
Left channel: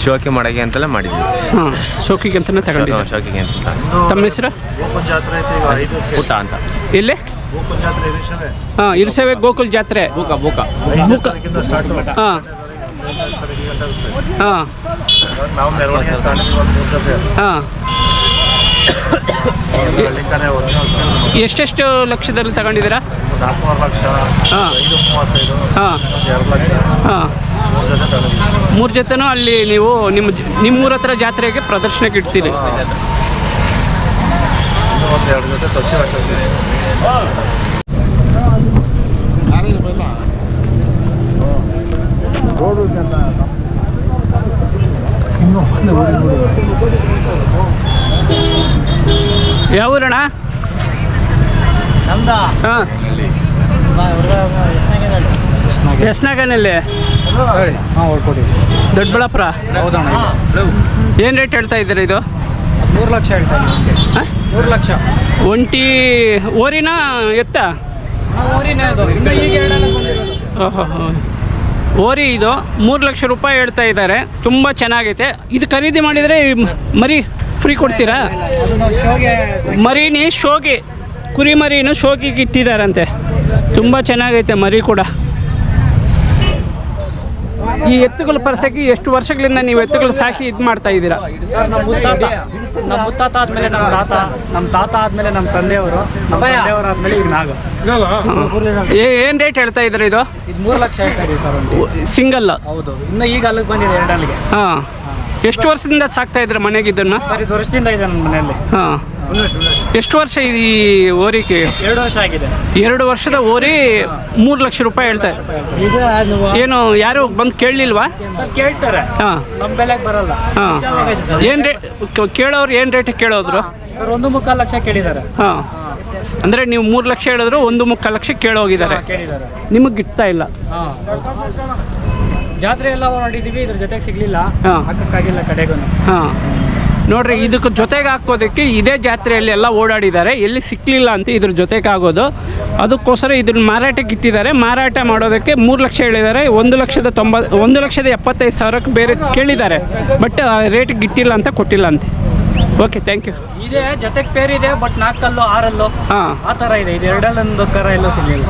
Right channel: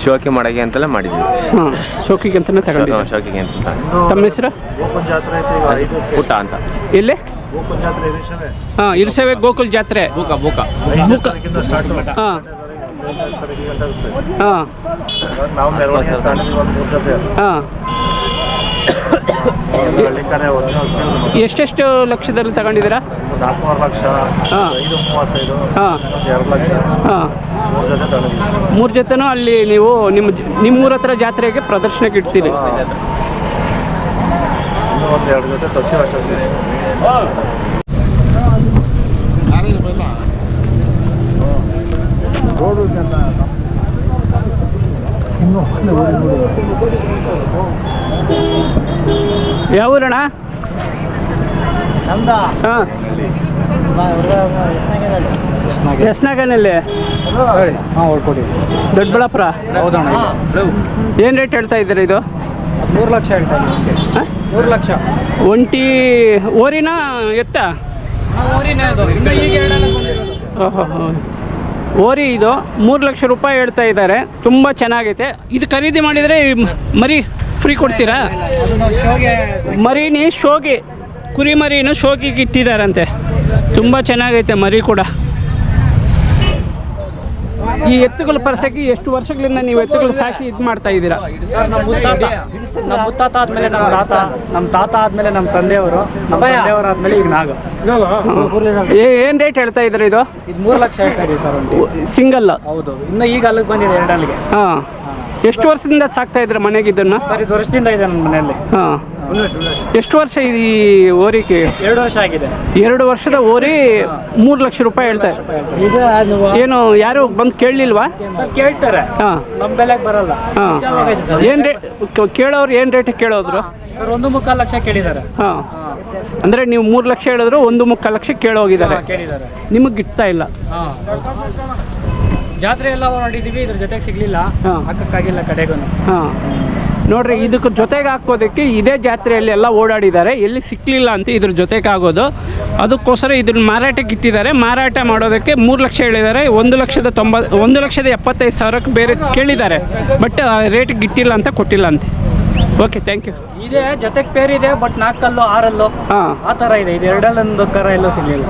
ಶೋಕಿ ಮಾಡೋಕೆ ಅಂತೆಲ್ಲ ಮಾಡಿದ್ವಿ. ಹಾಂ, ಶೋಕಿಗೆ ಅಂತಲೇ ತಗೊಂಡಿದ್ದೀವಿ. ಶೋಕಿಗೆ ಅಂತ. ತಮ್ಮ ಹೆಸರು? ಪುಟ್ಟ ಅಂತ. ಎಲ್ಲಿ? ಹಾಂ, ಹಿರುಸೇವೆ ಗೋಕುಲ್ ಜಾತ್ರೆ. ಬೂಕ ಹಾಂ ಹಾಂ ಹಾಂ. ಎಷ್ಟೆಷ್ಟು ಲಕ್ಷದಲ್ಲಿ ತಗೊಂಡಿದ್ದೀರಾ? 4 ಲಕ್ಷ, ಹಾಂ 5:35, ಹಾಂ 2 ಲಕ್ಷ, ಹಾಂ. 3 ಜೊತೆ ತಗೊಂಡಿದ್ದೀವಿ. 3 ಜೊತೆನೂ ಅಲ್ಲಿ ನೀವು ನಿಮ್ಮೂರ ಹತ್ರ ಜಾತ್ರೆಗೆ ಪ್ರದರ್ಶನಕ್ಕೆ ಇಡ್ತೀರಿ. ಇನ್ನೂ 1-2 ಜೊತೆ ತರ್ತೀವಿ ಅಷ್ಟೇ. ಯಾವ ಊರಣ್ಣ? ನಮ್ದು ಹಾಂ, ಎಸ್ನಾಗನಲ್ಲಿ. ಹಾಂ, ಹೊಡ್ಕೊಡಿ. ದೊಡ್ಡಬಳ್ಳಾಪುರ. ಹೌದಣ್ಣ. ಏನು ರೇಟ್ ಹೇಳ್ತಾ ಇದ್ದೀರಾ ಇದು? 3 ಲಕ್ಷ ಹೇಳ್ತಾ ಇದ್ದೀನಿ. 3 ಲಕ್ಷ. ಒಂಟಿ ಓರಿನ ಎತ್ತ? ಊರಿನೇ ಅದು. ಇನ್ನು ಈಗ ಓಹೋ, ಓರಿ ಇದು 3 ಲಕ್ಷ ರೂಪಾಯಿ ಹೇಳ್ತಾ ಇದ್ದಾರೆ. ತುಂಬ ಚೆನ್ನಾಗೈತೆ. ಇದು ಖರೀದಿ ಮಾಡಿದರೆ ಮರಿ ಫ್ರೀ ಕೊಡ್ತೀರಾ? ಮರಿನಿ ಶೋಗಿ, ಕುರಿ ಮರಿನೂ ಶೋಗಿಗೆ ಇಟ್ಟಿದ್ದಾರಂತೆ. ತುಂಬ ಚೆನ್ನಾಗೈತೆ ಮರಿ ಕೂಡ. ಈ ಎತ್ತುಗಳ ಪರ್ಸಕ್ಕೆ ಎಷ್ಟು ವರ್ಷಗಳಿಂದ ನೀವು ಎತ್ತುಗಳು ಸಾಕಿ ಇದು ಮಾಡ್ತಾ ಇದ್ದೀರಾ? ಸರ್, ನಮ್ಮ ಮುತ್ತಾತ ಆದಮೇಲೆ ನಮ್ಮ ತಾತ ಆದಮೇಲೆ ನಮ್ಮ ತಂದೆಯವರು, ನಮ್ಮ ತಂದೆಯವರು ಆದಮೇಲೆ ಈಗ ನಾವು. ಏನು ರೇಟ್ ಹೇಳ್ತಾ ಇದ್ದಾರೆ ಇದು? 3 ಲಕ್ಷ ಹೇಳ್ತಾ ಇದೀವಿ ಸರ್. ಸಿಂಗಲ್? ಹೌದು. ಇನ್ನು ಈಗ ಅಲ್ಲಿಗೆ ಬಂದಿದೆ 2 ಅಲ್ಲಿಗೆ. ಹಾಂ. ಎಷ್ಟು ವರ್ಷದಿಂದ ಸಾಕ್ತಾ ಇದ್ರೆ ಮನೆಗೆ ಇದನ್ನು? ಸರ್, ಇದು ವರ್ಷದಿಂದ ಇದೆ ನನ್ನ ಮನೆಯಲ್ಲಿ. ಹಾಂ. ಎಷ್ಟು ವರ್ಷ ಈ ಓರಿಗೆ? 2 ವರ್ಷ ಆಗಿದೆ. 2 ವರ್ಷದ ಓರಿ 3 ಲಕ್ಷ ರೂಪಾಯಿ ಹೇಳ್ತಾರೆ. ಏನು ಯಾರು ಬಂದು ಕೇಳಲಿಲ್ವಾ? ಸರ್, ಕೇಳ್ತಾರೆ. ಹಾಂ, ನಮ್ಮ ಬೆಲೆಗೆ ಬರಲ್ಲ. ಹಾಂ. ಏನು ರೇಟ್ ಕೇಳೋರು? ಏನು ರೇಟ್ ಕೇಳೋದ್ರು? ಸರ್, 1.25 ಲಕ್ಷ ಕೇಳಿದ್ದಾರೆ. ಹಾಂ, ಅಂದರೆ ನೀವು 3 ಲಕ್ಷ ಹೇಳಿದ್ರು 1.25 ಲಕ್ಷ ಕೇಳೋಗಿದ್ದಾರೆ. ಕೇಳಿದ್ದಾರೆ. ನಿಮಗೆ ಗಿಟ್ತಾ ಇಲ್ಲ? ಹಾಂ, ಜಾತ್ರೆ ಎಲ್ಲ ನೋಡಿದ್ದೀವಿ, ಇದ್ರ ಜೊತೆಗೆ ಸಿಗಲಿಲ್ಲ. ಹಾಂ, ಹಾಕಕ್ಕಾಗಿಲ್ಲ ಕಡೆಗೂ. ಹಾಂ. ನೋಡ್ರಿ, ಇದಕ್ಕೆ ಜೊತೆಗೆ ಹಾಕೋದಕ್ಕೆ ಇದೇ ಜಾತ್ರೆಯಲ್ಲಿ ಎಲ್ಲ ಓಡಾಡಿದ್ದಾರೆ, ಎಲ್ಲಿ ಸಿಕ್ಕಲಿಲ್ಲ ಅಂತ ಇದ್ರ ಜೊತೆಗೆ ಆಗೋದು. ಅದಕ್ಕೋಸ್ಕರ ಇದನ್ನ ಮಾರಾಟಕ್ಕೆ ಇಟ್ಟಿದ್ದಾರೆ. ಮಾರಾಟ ಮಾಡೋದಕ್ಕೆ 3 ಲಕ್ಷ ಹೇಳಿದ್ದಾರೆ. 1,75,000ಕ್ಕೆ ಬೇರೆ ಕೇಳಿದ್ದಾರೆ. ಬಟ್ ರೇಟಿಗೆ ಇಟ್ಟಿಲ್ಲ ಅಂತ, ಕೊಟ್ಟಿಲ್ಲ ಅಂತೆ. Okay, thank you. ಇದೆ ಜೊತೆಗೆ ಪೇರ್ ಇದೆ, ಬಟ್ 4 ಕಲ್ಲು 6 ಅಲ್ಲು ಹಾಂ, ಆ ಥರ ಇದೆ. ಇದು 2 ಅಲ್ಲೊಂದು ಕರ ಎಲ್ಲೂ ಸಿಗಲಿಲ್ಲ.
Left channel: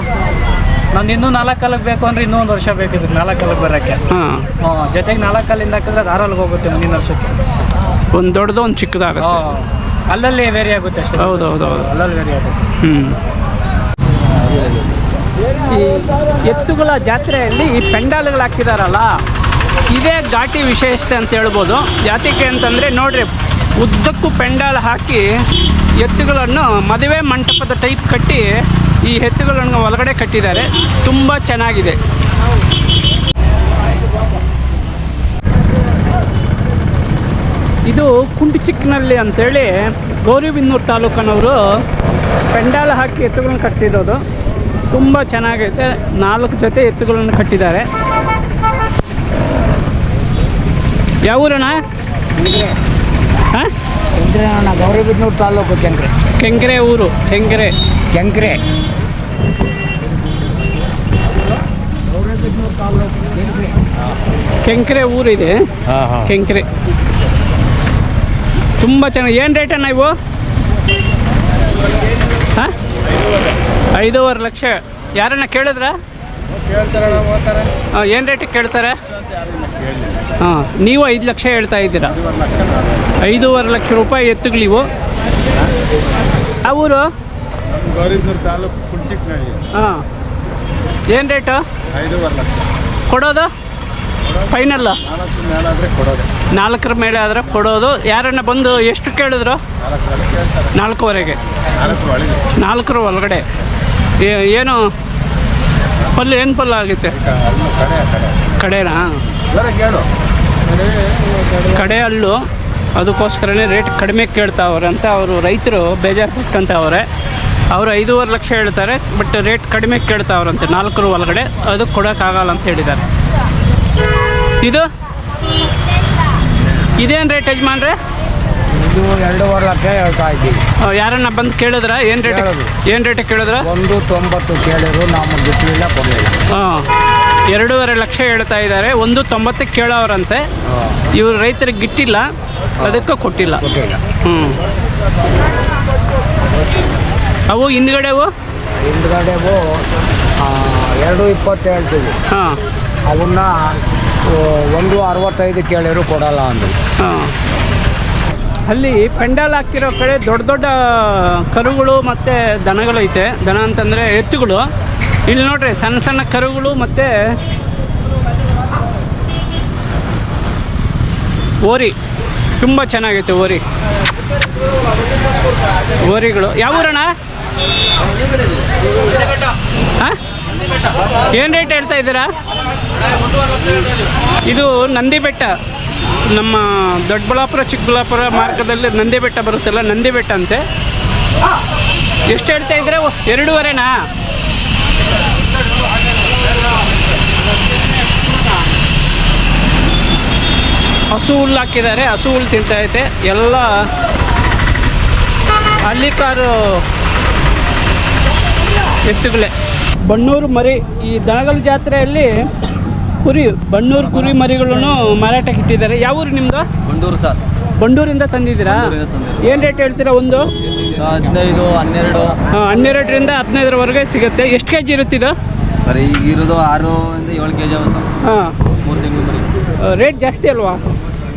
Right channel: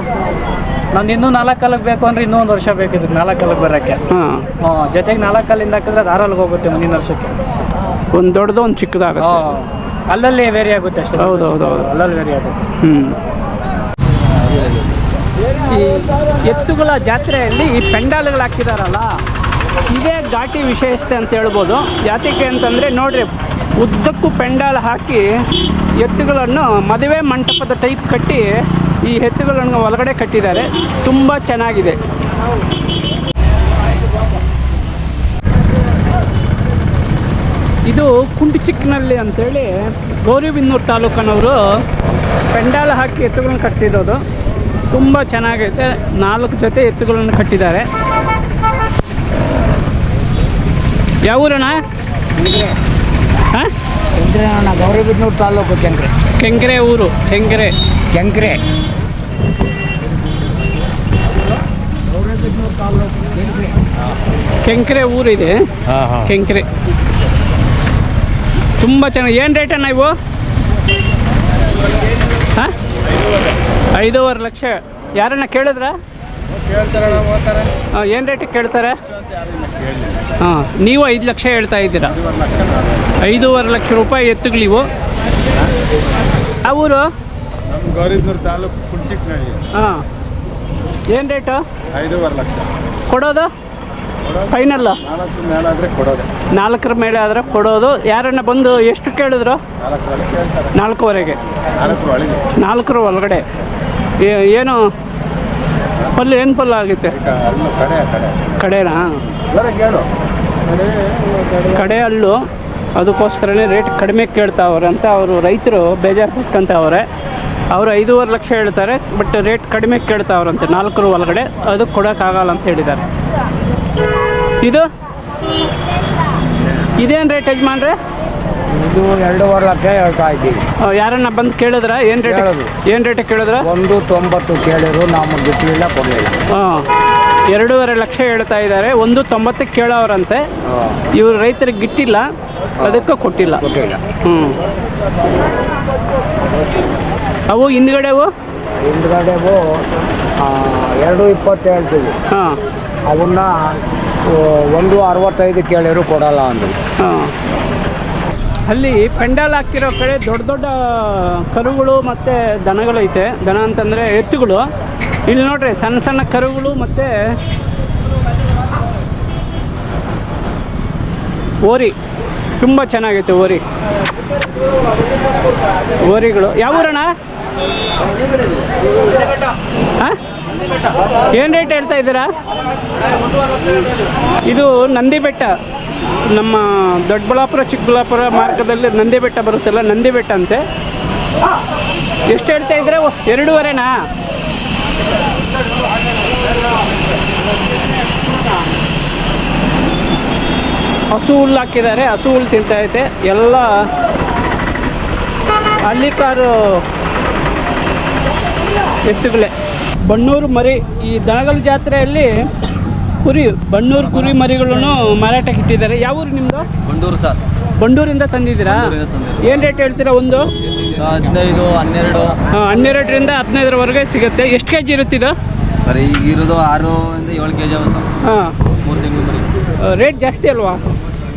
ನಂದು ಇನ್ನೂ 4 ಕಾಲಕ್ಕೆ ಬೇಕು ಅಂದರೆ ಇನ್ನೂ 1 ವರ್ಷ ಬೇಕಿತ್ತು 4 ಕಾಲಕ್ಕೆ ಬರೋಕ್ಕೆ. ಹಾಂ, ಜೊತೆಗೆ 4 ಕಾಲಿಂದ ಹಾಕಿದ್ರೆ ಅದು 6 ಹೋಗುತ್ತೆ ಮುಂದಿನ ವರ್ಷಕ್ಕೆ. ಒಂದು ದೊಡ್ಡದು ಒಂದು ಚಿಕ್ಕದಾಗುತ್ತೆ. ಅಲ್ಲಲ್ಲಿ ವೇರಿ ಆಗುತ್ತೆ ಅಷ್ಟೇ. ಹೌದು ಹೌದು ಹೌದು. ಅಲ್ಲಲ್ಲಿ ವೇರಿ ಆಗುತ್ತೆ. ಈ ಎತ್ತುಗಳ ಜಾತ್ರೆಯಲ್ಲಿ ಈ ಪೆಂಡಾಲ್ಗಳು ಹಾಕಿದಾರಲ್ಲ, ಇದೇ ಘಾಟಿ ವಿಶೇಷತೆ ಅಂತ ಹೇಳ್ಬೋದು. ಯಾತಕ್ಕೆ ಅಂತಂದರೆ ನೋಡ್ರಿ, ಉದ್ದಕ್ಕೂ ಪೆಂಡಾಲ್ ಹಾಕಿ ಎತ್ತುಗಳನ್ನು ಮದುವೆ ಮಂಟಪದ ಟೈಪ್ ಕಟ್ಟಿ ಈ ಎತ್ತುಗಳನ್ನು ಒಳಗಡೆ ಕಟ್ಟಿದ್ದಾರೆ. ತುಂಬ ಚೆನ್ನಾಗಿದೆ. ಇದು ಕುಂಟಿಚಿಕ್ಕನಹಳ್ಳಿ ಅಂತೇಳಿ ಗೌರಿಬಿದನೂರು ತಾಲೂಕಿನವರು ಪೆಂಡಾಲ್ ಹಾಕಿ ಎತ್ತುಗಳನ್ನು ಕಟ್ಟಿರೋದು. ತುಂಬ ಚೆನ್ನಾಗೈತೆ. 4 ಜೊತೆ ಎತ್ತುಗಳನ್ನು ಕಟ್ಟಿದ್ದಾರೆ. ಯಾವ ಊರಣ್ಣ? ಹಾಂ, ಗೌರಿಬಿದನೂರು ತಾಲೂಕು ಕೆಂಗ್ರೆ ಊರು. ಕೆಂಗ್ರೆ ಕೆಂಕ್ರೆ ಊರಿದೆ. ಕೆಂಕ್ರೆ ತುಂಬ ಚೆನ್ನಾಗಿ. ಏನು ರೇಟಣ್ಣ ಇವು? ಹಾಂ, 5.5 ಲಕ್ಷ. ಯಾರನ್ನ ಕೇಳಿದ್ರ? ಏನು ರೇಟಿಗೆ ಕೇಳ್ತಾರೆ? ಹಾಂ, ನೀವು 5 ಲಕ್ಷ ಹೇಳ್ತಾ ಇದ್ದೀರಾ. 5.5 ಲಕ್ಷ ರೂಪಾಯಿ ಎತ್ತುಗಳಿವು. ಯಾವ ಊರು? ಗೌರಿಬಿದನೂರು ತಾಲೂಕು ಕುಂಚಿಕ್ನಹಳ್ಳಿ. ಹಾಂ, ಏನು ರೇಟು? 5.5 ಲಕ್ಷ. ಕೊಡೋದು ಫೈನಲ್ಲ? 4 ಮೇಲಾದರೆ ಕೊಡೋದೆ. 4 ಮೇಲೆ ಆದರೆ ಕೊಡೋದು. ಯಾರನ್ನ ಬಂದು ಎಷ್ಟು ಕೇಳಿದ್ರು? 4.5ಗೆ. 4 ಒಳಗಡೆ. ಏನು ಪಲ್ಲು? ಏನು ಪಲ್ಲು ಆಗುತ್ತೆ? ಕಡೆನಾ? ಕಡೆ ಹಲ್ಲು. ಅದಕ್ಕೋಸ್ಕರನೇ ರೇಟ್ ಕಡಿಮೆ ಕೇಳ್ತಾವ್ರೆ ಅಂತ ಅವರು ರೈತರು ಬೇಜಾರು ಪಟ್ಕೊಂತವ್ರೆ. ಅವರು 5.5 ಲಕ್ಷ ಹೇಳ್ತಾರೆ, ಬಟ್ ರೇಟ್ ಕಡಿಮೆ ಕೇಳ್ತಾವ್ರಂತೆ 4 ಒಳಗಡೆ. ಅದು ಕೊಡೋಕ್ಕಾಗಲ್ಲ ಅಂತ ಹೇಳಿದ್ದಾರೆ. ಇದೇನು ರೇಟ್ ಯಜಮಾನ್ರೆ? ಇದು 2.5 ಲಕ್ಷ ಹೇಳ್ತಾ ಇದ್ದೀವಿ. ಯಾರನ್ನ ಬಂದು ಕೇಳಿದ್ರ? ಏನು ರೇಟ್ ಕೇಳಿದ್ರ? 1.90 ಕೇಳಿದ್ರು, ನಾವು ಬಿಟ್ಟಲಿಲ್ಲ, ಕೊಡಲಿಲ್ಲ. ಹಾಂ, 2.5 ಲಕ್ಷ ಹೇಳ್ತಾ ಇದ್ದಾರೆ. 1.90 ಕೇಳೋರಂತೆ. ಇವರು ರೈತರಿಗೆ ಗಿಟ್ಟಿಲ್ಲ, ಅದಕ್ಕೆ ಕೊಟ್ಟಿಲ್ಲ. ಹ್ಞೂ. ಅವು ಹಿಂದ್ಗಡೆವು 2.20 ಹೇಳ್ತೀವಿ. ಹಾಂ, ಅವನ್ನ 1.65 ಕೇಳಿದ್ರು ಕೊಡಲ್ಲ ಅಂದರು. ಹಾಂ. ಅಲ್ಲಿ ಪೆಂಡಾಲ್ ಹಾಕಿರೋ ಕಡೆ ದೊಡ್ಡ ದೊಡ್ಡ ಕರುಗಳು ಮತ್ತು ದನಗಳು ಐತೆ. ದನ ಅಂತಂದರೆ ಎತ್ತುಗಳು. ಇಲ್ಲಿ ನೋಡ್ರಿ, ಸಣ್ಣ ಸಣ್ಣ ಕರುಗಳು ಮತ್ತು ಓರಿ. ತುಂಬ ಚೆನ್ನಾಗೈತೆ ಓರಿಗಳು. ಯಾವ ಊರಣ್ಣ? ಹಾಂ, ಏನು ರೇಟ್ ಹೇಳ್ತಾ ಇದ್ದೀರಾ? ಇದು ನಂದಿ ಬೆಟ್ಟ. ನಮ್ಮ ದೊಡ್ಡಬಳ್ಳಾಪುರ ಚಿಕ್ಕಬಳ್ಳಾಪುರ ಮಾರ್ಗದಲ್ಲಿ ನಂದಿ ಬೆಟ್ಟ ಬರುತ್ತಲ್ಲ, ನಂದಿ ಬೆಟ್ಟ ಅಂತೆ. ಎಷ್ಟು ಹೇಳ್ತಾ ಇದ್ದೀರಾ? 2.5ನಾ? ಹಸು ಹುಲ್ಲು ಹಾಕಿದ್ದಾರೆ. ಹಸು ಹುಲ್ಲು ತಿಂತೈತೆ. ಎಲ್ಲ ಹಳ್ಳಿಕಾರು ಎತ್ತುಗಳೇ. ಬಣ್ಣೂರು ಮರಿ. ಈ ದನಗಳ ಜಾತ್ರೆಯಲ್ಲಿ ಬಣ್ಣೂರು ಕುರಿ ಮರಿಗಳನ್ನು ಮಾರಾಟಕ್ಕೆ ಇಟ್ಟಿದ್ದಾರೆ. ಯಾವ ಊರು ನಿಮ್ಮದು? ಬಂಡೂರು ಸರ್. ಬಂಡೂರಿಂದ ತಂದಿದ್ದೀರಾ? ಏನು ರೇಟ್ ಹೇಳ್ತೀರಾ? 1 15, 12. 12ರಿಂದ 15ರವರೆಗೆ ಸಿಗುತ್ತೆ. ಎಷ್ಟು ಕೆ ಜಿ ಇರುತ್ತಿದ್ದು? ಸರ್ ಈಗ ಇರೋದು 6 ಇಂದ 7 kg ಅವ ಸರ್. ಹಾಂ, 3 ತಿಂಗಳು ಮರಿ. ರೇಟ್ ಜಾಸ್ತಿ ಅಲ್ವಾ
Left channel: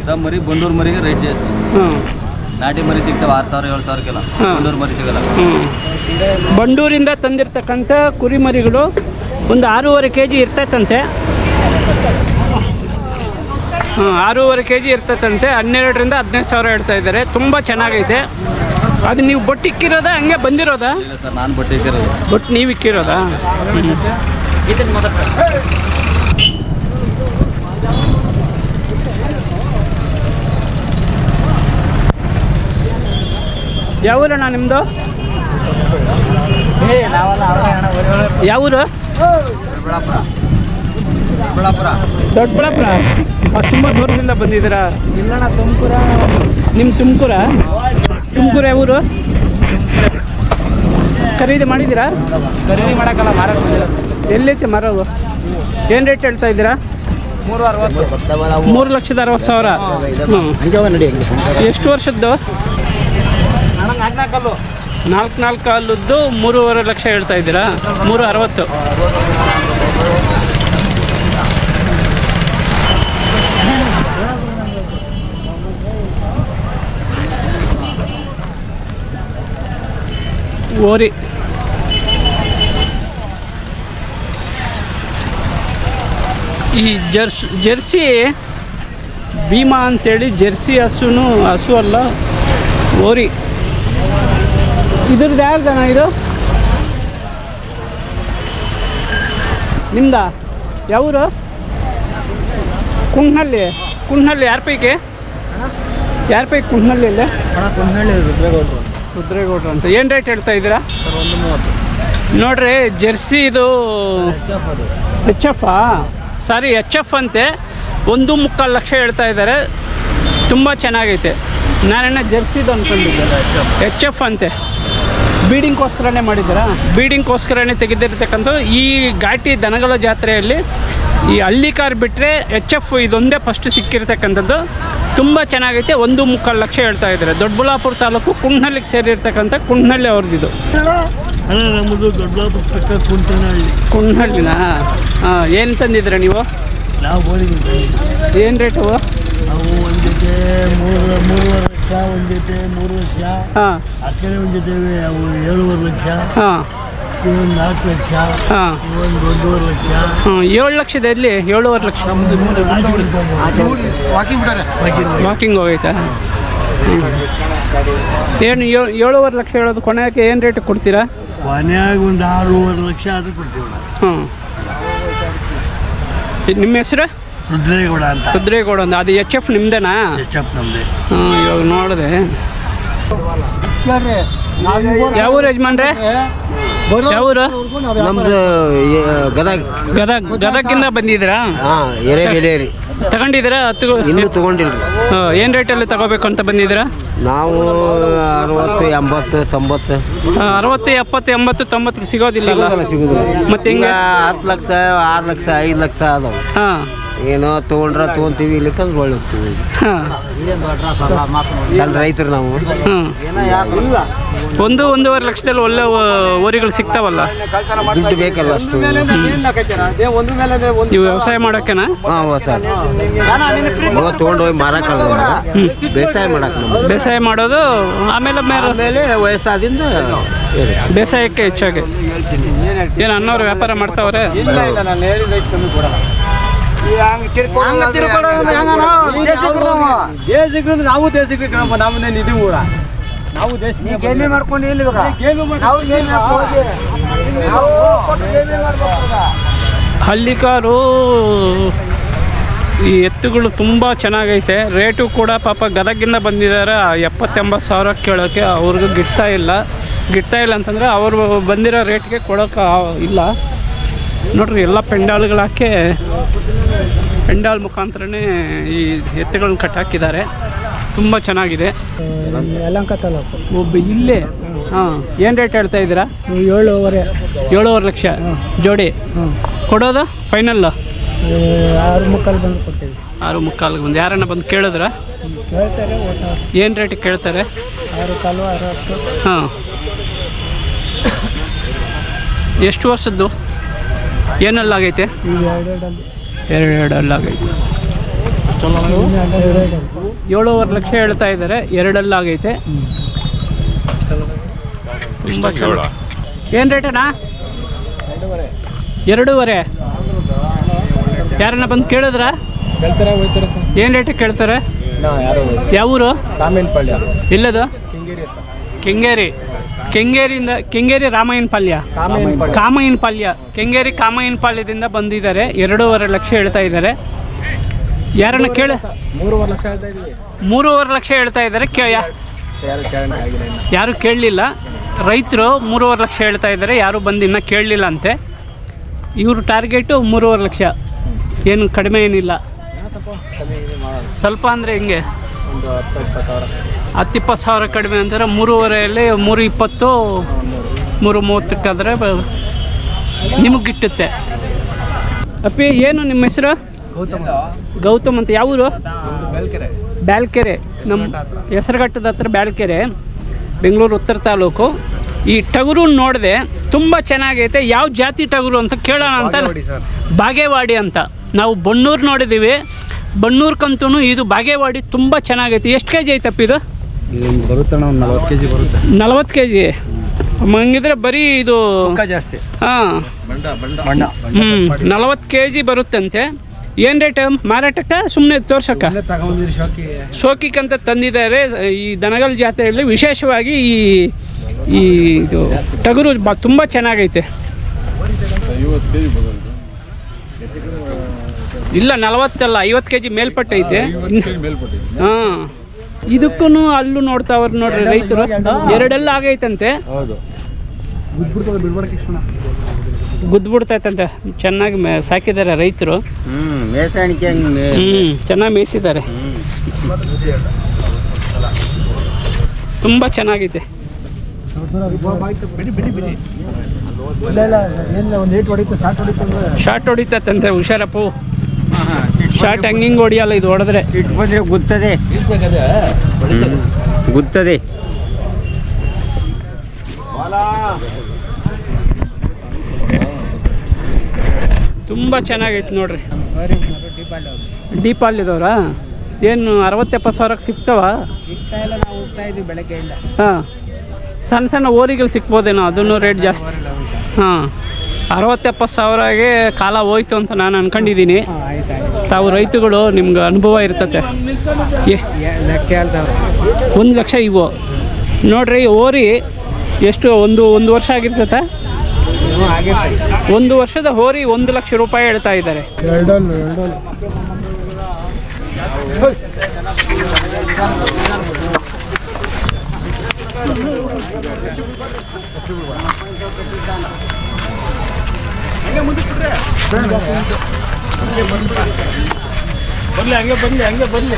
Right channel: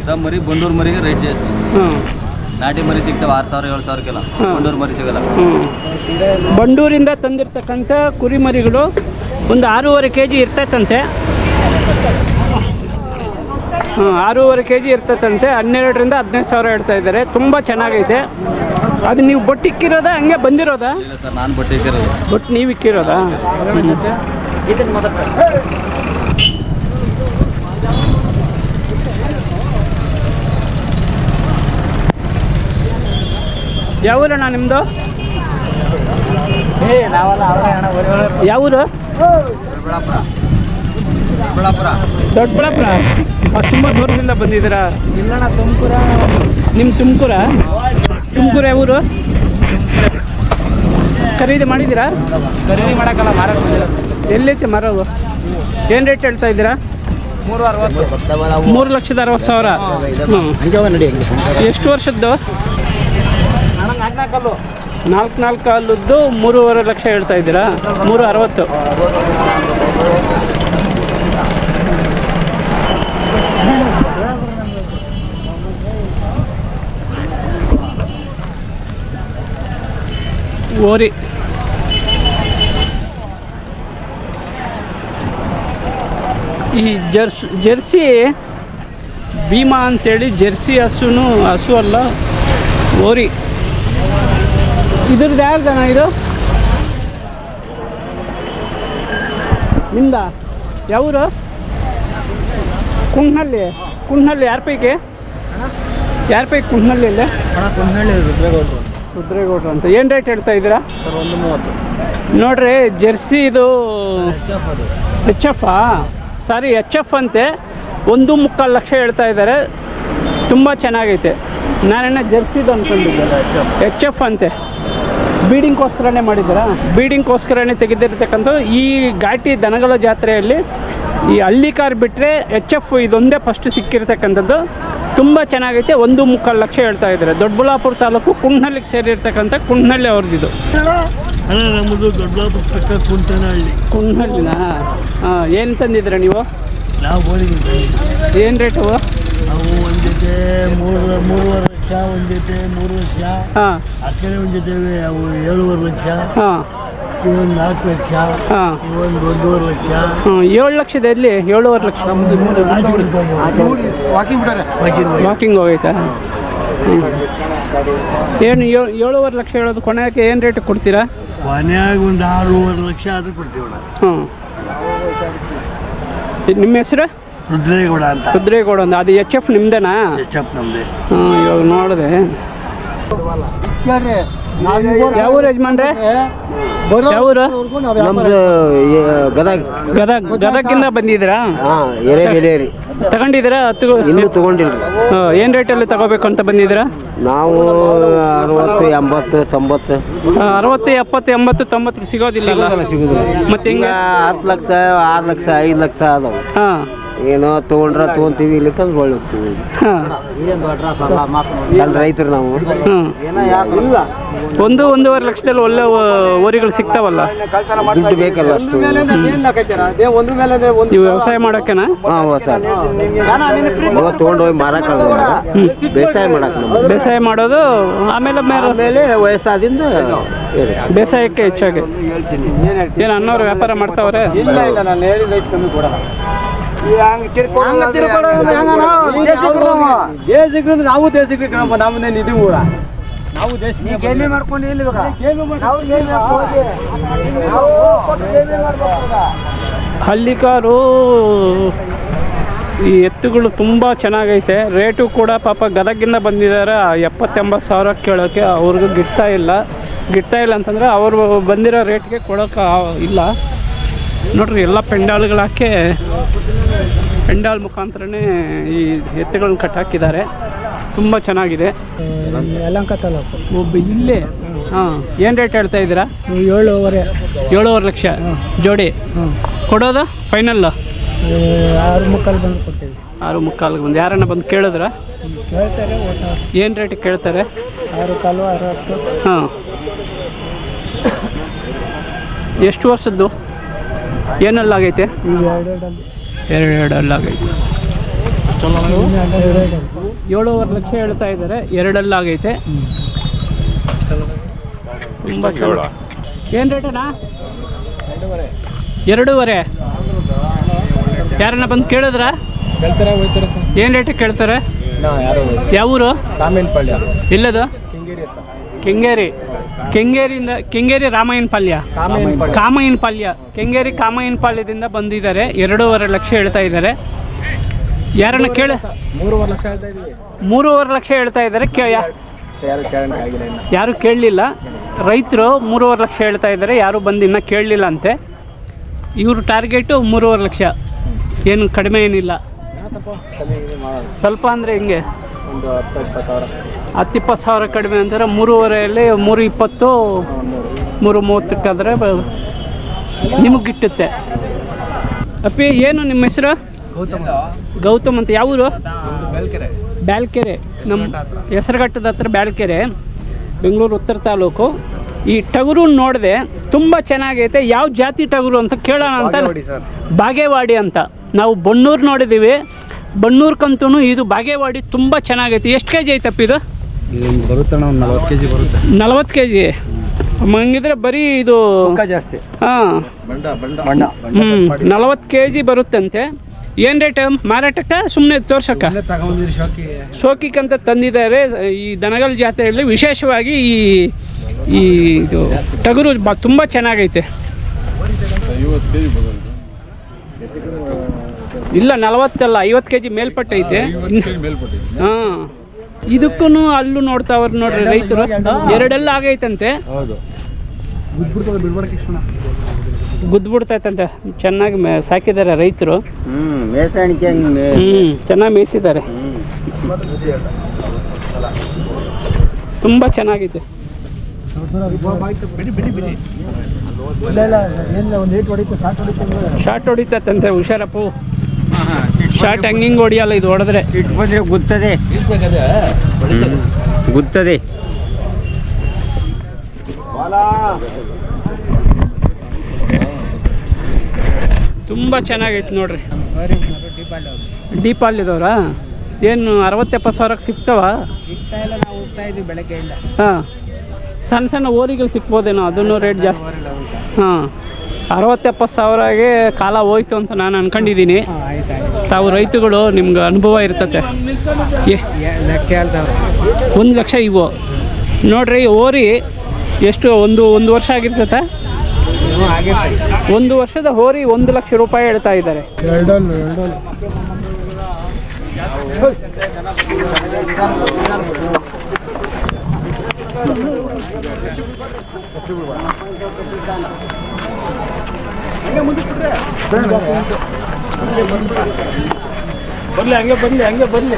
ಸರ್? ಮರಿ ಬಂಡೂರು ಮರಿಗೆ ರೇಟ್ ಜಾಸ್ತಿ. ಹಾಂ, ನಾಟಿ ಮರಿ ಸಿಗ್ತಾವೆ 6,000 7,000ಕ್ಕೆಲ್ಲ. ಬಂಡೂರು ಮರಿ ಸಿಗಲ್ಲ. ಬಂಡೂರಿಂದ ತಂದಿರ್ತಕ್ಕಂಥ ಕುರಿ ಮರಿಗಳು ಒಂದು 6.5 kg ಇರ್ತೈತಂತೆ. 6.5 kg ಇರ್ತೈತಂತೆ. 12ರಿಂದ 15,000 ಹೇಳ್ತಾ ಇದ್ದಾರೆ. ತುಂಬ ಚೆನ್ನಾಗೈತೆ. ಅದು ನೀವು ಬೊಟ್ಟು ಇಕ್ಕಿರೋದಾ ಹಂಗೆ ಬಂದಿರೋದಾ? ಇಲ್ಲ ಸರ್, ನಾನು ಬಟ್ಟೆ ಇಕ್ಕಿರೋದು. ಬೊಟ್ಟು ನೀವು ಇಕ್ಕಿರೋದಾ? ಯಾವ ಊರಣ್ಣ ನಿಮ್ಮದು? ಯಾವ ಊರು? ದೊಡ್ಡಬಳ್ಳಾಪುರ. ತುಂಬ ದೂರದಿಂದ ಬಂದಿದ್ದೀರಾ? ಇಲ್ಲಣ್ಣ, ತುಮಕೂರ. ನಿಮ್ಮ ತುಮಕೂರ? ತುಮಕೂರು ಯಾವ ಊರು? ಖರೀದಿ ಮಾಡಿದ್ದೀರಾ? ಖರೀದಿ ಮಾಡೋಕ್ಕಲ್ಲ, ಮಾರಕ್ಕೆ ಬಂದಿಲ್ಲ. ಎಲ್ಲೈತೆ ಮರವು? ಏನು ರೇಟ್ ಹೇಳ್ತಾ ಇದ್ದೀರಾ? 3.60. 3,60,000. ಹ್ಞೂ. ಎಷ್ಟು ವರ್ಷದ್ದು? 4 ಕಲ್ಲು. ನಾಲ್ಕು ಕಾಲದ್ದು 3.5 ಲಕ್ಷ ಹೇಳ್ತಾ ಇದ್ದೀರಾ? 360. ಓರಿ ಈ ಜರ್ಸಿ ಭೀಮಾ ಅಂತೇಳಿ ಜರ್ಸಿ ಹಸು ಅಲ್ಲ, ಓರಿ. ಇದ್ರದ್ದು ಯಾರ್ದನ ಇದು? ನಿಮ್ದ? ಯಾವರು? ಕುಂಟ್ನಳ್ಳಿ ಯಾರ ಪೈಕಿ ಕುಂಟ್ನಳ್ಳಿ ಅಲ್ಲೇ? ರುದ್ರೇಗೌಡ್ರು ಅಂತ. ಏನು ರೇಟ್ ಹೇಳ್ತಾ ಇದ್ದೀರಾ? 130. ನೋಡ್ರಿ, ಜರ್ಸಿ ಇದು ಎಚ್ ಎಫ್ ಅಂತೆ. 1.25 ಲಕ್ಷ ಹೇಳ್ತಾ ಇದ್ದಾರೆ. ತುಂಬ ಚೆನ್ನಾಗೈತೆ. ನಾನೇನ ಜರ್ಸಿದು ಅಂದ್ಕೊಂಡಿದ್ದೆ. ಎಚ್ ಎಫ್ ಅಂತೆ. ಬೀಡಿಂಗ್ಗೋಸ್ಕರನೇ ಮಾಡಿದ್ದೀರಾ? ಬೀಡಿಂಗ್ಗೋಸ್ಕರನೇ ತೆಗೆದಿರ್ತಕ್ಕಂಥ ಈ ಘಾಟಿ ದನಗಳ ಜಾತ್ರೆಯಲ್ಲಿ ಈ ಹಳ್ಳಿ ಕಾರ್ ಬಿಟ್ಟರೆ ಎಚ್ ಎಫ್ ಇದೊಂದೇ ಫಸ್ಟ್ ಸಿಕ್ಕಿರ್ತಕ್ಕಂಥದ್ದು. ತುಂಬ ಚೆನ್ನಾಗೈತೆ. 1.25 ಲಕ್ಷ ಹೇಳ್ತಾ ಇದ್ದಾರೆ. ದೊಡ್ಡಬಳ್ಳಾಪುರ ತಾಲೂಕು ಕುಂಟ್ನಳ್ಳಿಗೆ ಸೇರಿರ್ತಕ್ಕಂಥ ಕುಂಟ್ನಳ್ಳಿ ಅವ್ರದ್ದು. ನಮ್ಮದು ದೊಡ್ಡಬಳ್ಳಾಪುರ ಪಕ್ಕ ಕುಂಟ್ನಳ್ಳಿನಾ? ಹಾಂ. ಏನು ತಂದಿದ್ದೀರಾ ನೀವು? ನಾವು ಏನು ರೇಟು? ನಾವು ಒಂದು ಜೊತೆ 3.5 ಲಕ್ಷ, ಒಂದು ಜೊತೆ 3 ಲಕ್ಷ. ಹಾಂ. ಆ ಕಡೆ ಒಂದು ಜೊತೆ ಅವು 7.5 ಲಕ್ಷ. ಹಾಂ. ಇವೊಂದು 4 ಲಕ್ಷ. ಹಾಂ. ಇವೊಂದು 1.5 ಲಕ್ಷ. 7 ಲಕ್ಷದಲ್ಲಿ 7.5 ಲಕ್ಷ ವಾಕಿಂಗ್ ಹೋಗೈತಾ? ಏನು 7.5 ಲಕ್ಷ ಹೇಳೋದು? ಕೊನೆಗೆ ಏನು ರೇಟ್ ಕೊಡ್ತೀರಾ? ಕೊನೆಯಾಗ ಒಂದು 6.5 ಲಕ್ಷ ಆದರೂ ಕೊಡ್ತೀವಿ. ಹ್ಞೂ. ನಿಮ್ಮ ಹೆಸರು? ರುದ್ರೇಗೌಡ ಅಂತ. ರುದ್ರೇಗೌಡ ಅಂತ. ಅದು ಎಚ್ ಎಫ್ ನಿಮ್ದೇನಾ? ಎಚ್ ಎಫ್ ನಮ್ಮದೇ. ಹಾಂ. ಇವಾಗ ನೋಡಿದೆ. ಯಾವ ಯಜಮಾನ್ರೆ? ಯಾವೂರು? ನಮ್ದು ಗದಗಿಂದ ಬಂದಿದ್ದೀರಾ? ಎರೆಬೆಲೇರಿ ತಗೊಂಡಿದ್ದೀರಾ? ಇನ್ನೂ ತಗೊಂಡಿಲ್ಲ. ಏನು ರೇಟಲ್ಲಿ ತಗೋಬೇಕು ಅಂತ ಬಂದಿದ್ದೀರಾ? ನಾವು 60, 80, 90. 60, 70, 80, 90 ಸಿಗೋದಿಲ್ಲ. ಸಿಗೋದಿಲ್ಲ. ಮತ್ತೆ ಹಿಂಗೆ 10 ಲಕ್ಷ, 6 ಲಕ್ಷ, 5 ಲಕ್ಷ ಅದಾವೆ. ಹಾಂ. ಏನೋ ತೊಗೊಂತೀವಿ, ಇಲ್ಲಿಕ್ಕಂದ್ರೆ ಒಳ್ಳೆ ಹೋಗ್ತೀವಿ. ಹಾಂ. ಸಣ್ಣ ರೈತರು ನಾವು. ಹ್ಞೂ. 1.5 ಲಕ್ಷದಲ್ಲಿ ಒಳ್ಳೆ ಓರಿಗಳು ಸಿಗ್ತಾವಲ್ಲ? ದುಡ್ಡು ಬೇಕಲ್ಲ ಅಷ್ಟು. ನೀವು ವ್ಯವಸಾಯ ಮಾಡೋಕೆನಾ? ಹಾಂ, ಹೊಸ ತೊಗೊಂಡೋಗಿ ಮಾರಕ್ಕಲ್ಲ. ಬೇಸಾಯ ಮಾಡಕ್ಕೆ ನಮ್ಗೆ. ಬೇಸಾಯ ಮಾಡೋದು. ಆಮೇಲೆ ವಯಸ್ಸಾದಿಂದ ಬೇಸಾಯಕ್ಕೆ ಹೆಚ್ಚಾಗಿ. ಏನು ಅನ್ನೋರು ವ್ಯಾಪಾರ ಮಾಡ್ತಾವ್ರೆ? ಇಲ್ಲ, ನಾನು ಹೇಳಿದ ಕಮ್ಮಿ ಕೊಡಲ್ಲ. ನಾವು ದೇಶಕ್ಕೆ ನಮ್ಮನ್ನೇನು ಇದು ಊರ ನಾವು ದೇಶ ಮಾಡ್ಕೊಂಡು ಇಲ್ಲಿ ಹಳ್ಳಿ ಕಾರು. ಈ ಎತ್ತುಗಳು ತುಂಬ ಚೆನ್ನಾಗೈತೆ. ರೇಟು ಕೂಡ ಪಾಪ ಗದಗಿಂದ ಬಂದಿದ್ದಾರೆ. 70-80 ಸಾವಿರ ಕೇಳೋಕ್ಕೆ ಅವ್ರಿಗೂ ಗಿಟ್ತಾ ಇಲ್ಲ ಅಂತಂದರೆ ಅವರು ಬಂದಿರೋ ರೇಟ್ಗೆ ಕೊಡೋಕೆ ಇಲ್ಲ. ನೋಡ್ರಿ, ಎಲ್ಲ ಪೆಂಡಾಲ್ಗಳಾಕೆ ಪೆಂಡಾಲ್ ಮುಖಾಂತರನೇ ಈ ಎತ್ತುಗಳನ್ನ ಕಟ್ಟಾಕಿದ್ದಾರೆ. ತುಂಬ ಚೆನ್ನಾಗಿದೆ. ಯಲಹಂಕ ತಾಲೂಕು. ಒಬ್ಬ ಇಲ್ಲೇ. ಹಾಂ. ಏನು ರೇಟ್ ಹೇಳ್ತಾ ಇದ್ದೀರಾ? 7.5 ಲಕ್ಷ ಜೋಡಿ. ಕೊಡೋದು ಫೈನಲ್ಲು 6.75 ಬಂದು ಕೊಡ್ತೀವಿ. 6.75 ಬಂದು. ಯಾರನ್ನ ಬಂದು ಕೇಳಿದ್ರ? ಕೇಳ್ತಾರೆ. ಏನು ರೇಟಿಗೆ ಕೇಳ್ತಾರೆ? 6.5, 60. ಹಾಂ. ಎಷ್ಟು ವರ್ಷದ್ದು? ಏನಲ್ಲಾಗೈತೆ? 2 ಅಲ್ಲಾಗೈತೆ. 7.5 ಲಕ್ಷ ಹೇಳ್ತಾ ಇದ್ದಾರೆ. 2 ಅಲ್ಲಾಗೈತೆ. ತುಂಬ ಚಲೋ. ಏನು ರೇಟನಾ? 2.5. ಯಾರನ್ನ ಬಂದು ಕೇಳಿದ್ರ? ಏನು ರೇಟಿಗೆ ಕೇಳ್ತಾರೆ? ಯಾವ ಊರು? ರಾಮೇನಪಾಳ್ಯ. ಎಲ್ಲದು? ಕೆಂಗೇರಿ ರಾಮಾಯಣಪಾಳ್ಯ. ಕೆಂಗೇರಿ ಕಾಮಾಯನಪಾಳ್ಯದಿಂದ ಬಂದಿದ್ದಾರೆ. 2.5 ಲಕ್ಷ ಹೇಳ್ತಾ ಇದ್ದಾರೆ. ಯಾರನ್ನ ಕೇಳಿ? 3.5 ಲಕ್ಷ ಹೇಳ್ತಾ ಇದ್ದೀವಿ. 3.5 ಲಕ್ಷ ಹೇಳ್ತಾ ಇದ್ದಾರೆ. ಯಾರು ಕೇಳಲಿಲ್ಲ. ರೈತರು 3.5 ಲಕ್ಷ ಹೇಳ್ತಾ ಇದ್ದಾರೆ. ಯಾರು ಬಂದು ಇನ್ನೂ ಕೇಳಲಿಲ್ಲ ಅಂತೆ. ಇವರು ಟಾರ್ಗೆಟು 3.5 ಲಕ್ಷ. ಏನು ಕಡಿಮೆ ಏನಿಲ್ಲ. ಸ್ವಲ್ಪ ಅಂದರೆ ಹಿಂಗೆ ಒಂದು 10-20 ಸಾವಿರ. 10-20 ಸಾವಿರ ಕಡಿಮೆ ಅಂತಾರೆ. 3.5ಯಲ್ಲಿ 3.20, 3.30 ನಿಮಗೆ ಗಿಟ್ಟುತ್ತೆ. ಅಪ್ಪಿ, ಏನು ನಿಮ್ಮ ಹೆಸರು? ಗೌತಮ್ ಅಂತ. ಯಾವ ಊರು? ಬ್ಯಾಲ್ಕೆರೆ. ನಮ್ಮ ಹೆಸರುಘಟ್ಟದ ಹತ್ರ ಬ್ಯಾಲ್ಕೆರೆ. ಬೆಂಗಳೂರು ಉತ್ತರ ತಾಲೂಕು. ಈ ಟಗರು ನೋಡಿದೆ ತುಂಬ ಚೆನ್ನಾಗೈತೆ. ಯಾವ ಜಾತಿ ಟಗರು ಅಂತ ಕೇಳೋಣ ಅಂತ. ಬಾಗೇವಾಡಿ ಅಂತ. ನಾವು ಬನ್ನೂರು ನೋಡಿದ್ದೀವಿ, ಬನ್ನೂರ್ಕಂತೂ ಇದು ಬಾಗೇವಾಡಿ ತುಂಬ ಚೆನ್ನಾಗೈತೆ. ಎಷ್ಟು ಕೆ ಜಿ ಐತಪ್ಪ ಇದು? ಬರುತ್ತೆ ಅಣ್ಣ, ಒಂದು 40 kg ಬರುತ್ತೆ. 40 kg ಹಂಗಿದ್ರೆ ಬರೀ ಇದು ಜಾಸ್ತಿ. ಹಾಂ, 40 kg ಬರುತ್ತಂತೆ. ಏನು ರೇಟ್ ಮಾರಾಟಕ್ಕೆ? ಸುಮ್ಮನೆ ತೋರ್ಸಕ್ಕ ಶೋಕಿಗಂತ ತಂದಿದ್ದಾರೆ. ಈ ದನಗಳ ಜಾತ್ರೆಯಲ್ಲಿ ವಿಶೇಷವಾಗಿ ಈ ಇದು ಟಗರು ತುಂಬ ಚೆನ್ನಾಗೈತೆ. ಇಲ್ಲ 40 ಅಲ್ಲ, 50 kg ಮೇಲ್ಪಟ್ಟೈತೆ. ಹಾಂ, ಇದಕ್ಕೂ ಅಲ್ಲೂ ನೋಡ್ತಾವ್ರು ನೋಡ್ರಿ ರೈತರು. ಎರಡೆಲ್ಲ ಆಗೈತಂತೆ. ಗುದ್ಬಿಡ್ತೈತಂತೆ. ಚೆನ್ನಾಗಿ ಸಾಕಿದ್ದಾರೆ ರೈತರು. ಚೆನ್ನಾಗಿ ಮೇಯಿಸಿದ್ದಾರೆ. ತುಂಬ ಚೆನ್ನಾಗಿದೆ. ಶಾರ್ಟ್ ಹೊಡಿತಂತೆ. ಹುಷಾರಪ್ಪು, ಶಾರ್ಟ್ ಹಂಗಿಂಗ್ ಹೊಡಿಯಲ್ಲ, ಇದು ಹೊಡೆದ್ರೆ ಗುತ್ತದೆ. ತುಂಬ ಚೆನ್ನಾಗೈತೆ ನೋಡ್ರಿ. ಡೀಪಾಲಿದವ್ರಾ? ಏನು 60-70 ಸಾವಿರಕ್ಕೆ ಸಿಗ್ತಾವ? ನಾವು ಹೋಗ್ತಾ ಇದ್ದೀವಿ ಬೆಳಗ್ಗೆಯಿಂದ. ಹಾಂ, ಸಣ್ಣ ಸಣ್ಣ ಓರಿಗಳು ಸಿಗ್ಬೋದೇನೋ, ಅದನ್ನು ರೇಟ್ ಜಾಸ್ತಿ. ಹಾಂ, 60-70 ಸಾವಿರಗೆ ಕಾಲ ಹೋಯ್ತು ಅಂತ ನಾನು ಅನ್ಕೊಂಡಿದ್ದೀನಿ. ತಾವು ರೈತಗಳು, ನಿಮ್ಗೆ ಅನುಭವ ಇರ್ತತೆ. 1 ಲಕ್ಷ ಇವು ನೋಡ್ರಿ. ಓರಿ ಎಷ್ಟು? ಒಂದು ವರ್ಷ ಆಗಿರ್ತತೆ. 1 ವರ್ಷದ ಹೋರಿ 1 ಲಕ್ಷ ರೂಪಾಯಿ ಹೇಳ್ತಾ ಇದ್ದಾರೆ. ಹಂಗೆ ಬರಲಿ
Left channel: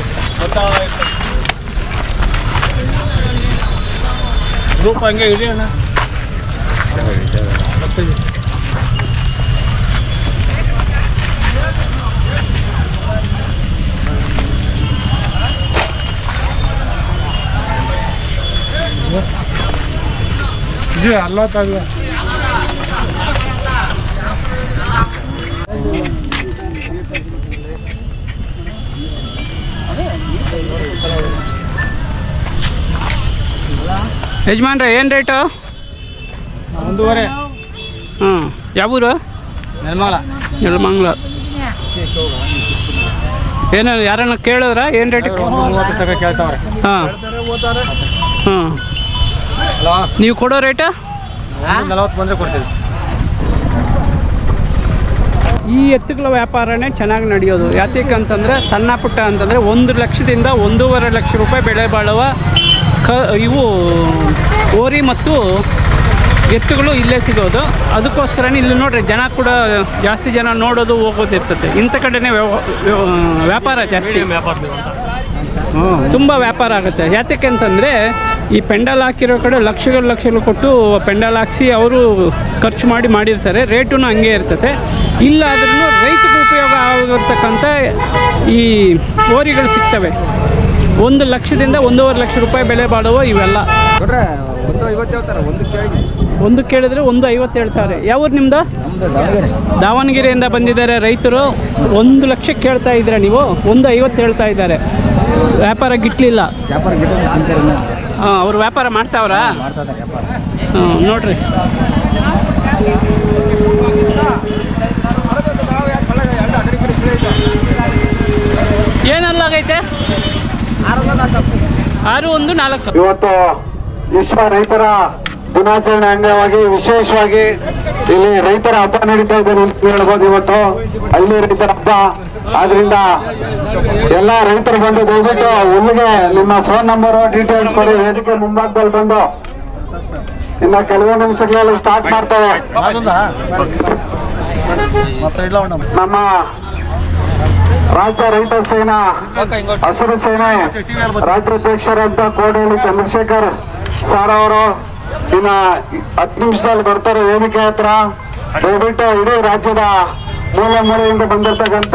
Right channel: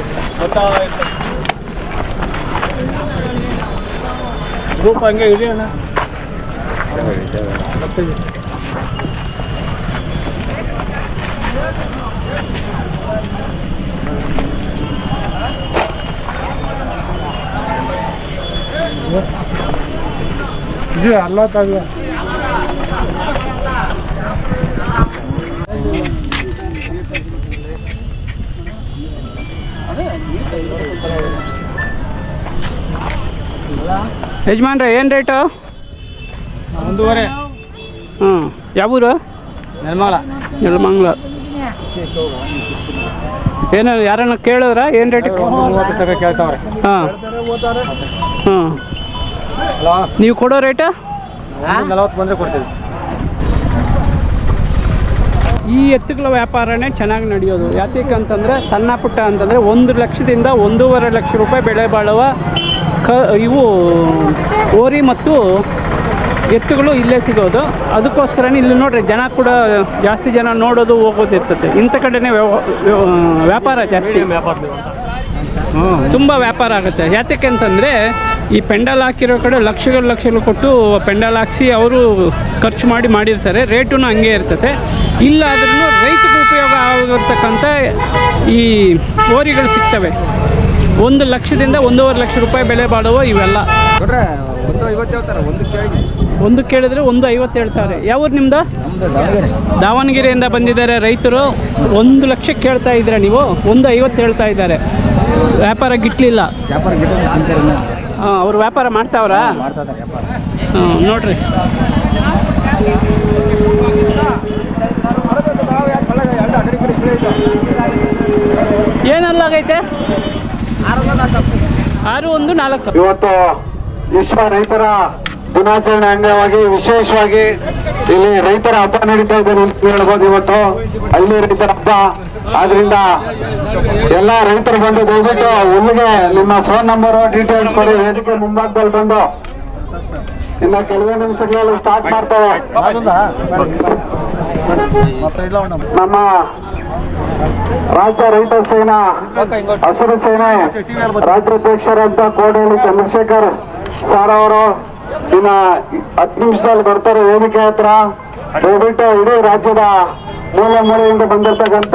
ಗ್ರೂಪ್ ಹಂಗೆ ಇದೆ ಅಣ್ಣ. ಅಲ್ಲ ತಾಗ ಯಜಮಾನ್ರೆ, ಏನು ರೇಟು? 1.5. ಹಾಂ, ಯಾವೂರು? ನೆಲಮಂಗಲ. ಏನು ಯಾರನ್ನ ಕೇಳಿದ್ರ? ಏನು ರೇಟ್ ಕೇಳ್ತಾವ್ರೆ. ಹಾಂ ಹಾಂ, ನೀವು ಕೊಡೋ ರೇಟು? 40 ಬಂದರೆ ಕೊಡ್ತೀವಿ. ಈ ಎತ್ತುಗಳ ವ್ಯಾಪಾರನೇ ಚೆನ್ನಾಗಿ ನಡೆಯೋದು. ಯಾತಕ್ಕಂತಂದರೆ ಸಣ್ಣ ಪುಟ್ಟ ಅಂತಂದರೆ 1 ಲಕ್ಷದಿಂದ 1.5 ಲಕ್ಷ ರೂಪಾಯಿ ಬೆಲೆ ಬಾಳುವ ಇವು ಓರಿ ಮತ್ತು ಎತ್ತುಗಳು ಇಲ್ಲೇ ಸಿಗೋದು. ಅದಕ್ಕೋಸ್ಕರನೇ ಇಲ್ಲಿ ನೋಡ್ರಿ, ಜನ ಕೂಡ ಜಾಸ್ತಿ ಜನ ನೋಡೋದು ಹೋಗೋದಿರ್ತದೆ. ಇಂಥ ಕಡೆನೇ ವ್ಯಾಪಾರ ಜಾಸ್ತಿ, ತುಂಬ ವ್ಯಾಪಾರ ಆಗುತ್ತೆ. ಯಾತಕ್ಕೆ ಅಂತಂದರೆ ಈ ಪೆಂಡಲ್ ಹಾಕಿರೋ ಕಡೆ ಲಕ್ಷಗಳು ಕೊಟ್ಟು ಪೆಂಡಲ್ ಹಾಕಿಸಿ ಅವರು ಖರ್ಚು ಮಾಡಿರ್ತಾರೆ. ರೇಟೂ ಹಂಗೆ ಇರ್ತದೆ. ಇಲ್ಲಾದ್ರೂ ರೈತರಿಗೆ ಉಪಯೋಗ ಆಗಿರ್ತಕ್ಕಂಥ ಈ ಓರಿಗಳು ಸಿಗ್ತವೆ. 1 ಲಕ್ಷದಿಂದ 1.5 ಲಕ್ಷ ರೂಪಾಯಿ ಬೆಲೆ ಬಾಳುವ ಇವೆಲ್ಲ. ಒಂದು ಕೇಳಿದ್ರೆ 1.50 ಹೇಳ್ತಾರೆ. ಯಾವೂರು ನಿಮ್ಮದು? ದಾವಣಗೆರೆಯಿಂದ ಬಂದಿದ್ದಾರೆ ರೈತರು. 1 ಲಕ್ಷ ಕೇಳ್ತಾ ಇದ್ದೀರಾ ನೀವು, 1.50 ಹೇಳ್ತಾ ಇದ್ದಾರೆ. ವ್ಯಾಪಾರ ಗಿಟ್ಲಿಲ್ಲ. ಹಾಂ, ಅವ್ರು ವ್ಯಾಪಾರ ಮಾಡ್ತಾವ್ರಾ? ಹಾಂ, ನೋಡ್ರಿ. ಏನಲ್ಲಾಗೈತೆ? 614. ಇವತ್ತು ವಿಶ್ವ ರೈತರ ದಿನಾಚರಣೆ ಅಂಗವಾಗಿ ವಿಶೇಷವಾಗಿ ಇಲ್ಲಿ ರೈತರ ಹಬ್ಬ ನಡೀತಾ ಇದೆ ಅಂತ ಹೇಳ್ಬೋದು. ಇವತ್ತು ಹಳ್ಳಿ ರೈತರ ಹಬ್ಬ ಆದ್ರಿಂದ ಎಲ್ಲ ರೈತರು ಬಂದು ದಯವಿಟ್ಟು ಹುಲ್ಲಿಗೆ ನಿಮ್ಮ ಫೋನ್ ನಂಬರು ಡೀಟೇಲ್ಸ್ ಕೊಡಿ. ವೇದಿಕೆ ಮುಂಭಾಗದಲ್ಲಿ ಬಂದು ಇನ್ನು ಕೆಲವೇ ನಿಮಿಷಗಳಲ್ಲಿ ಸ್ಟಾರ್ಟ್ ಮಾಡ್ತೇವೆ. ನಮ್ಮ ರಾಜ್ಯ ರೈತ ಸೇನಾ ಹಸಿರು ಸೇನೆ ರಾಜ್ಯಾಧ್ಯಕ್ಷರಂತ ಕೋಡೇಳಿ ಚಂದ್ರಶೇಖರ್ ಸರ್ ಅವರು ಇನ್ನ 10 ನಿಮಿಷದಲ್ಲಿ ಬರ್ತಾರೆ ವೇದಿಕೆ ಹತ್ರ. ದಯವಿಟ್ಟು ಇಡೀ ರಾಜ್ಯದ ಮೂಲೆ ಮೂಲೆಯಿಂದ ಬಂದಿರ್ತಕ್ಕಂಥ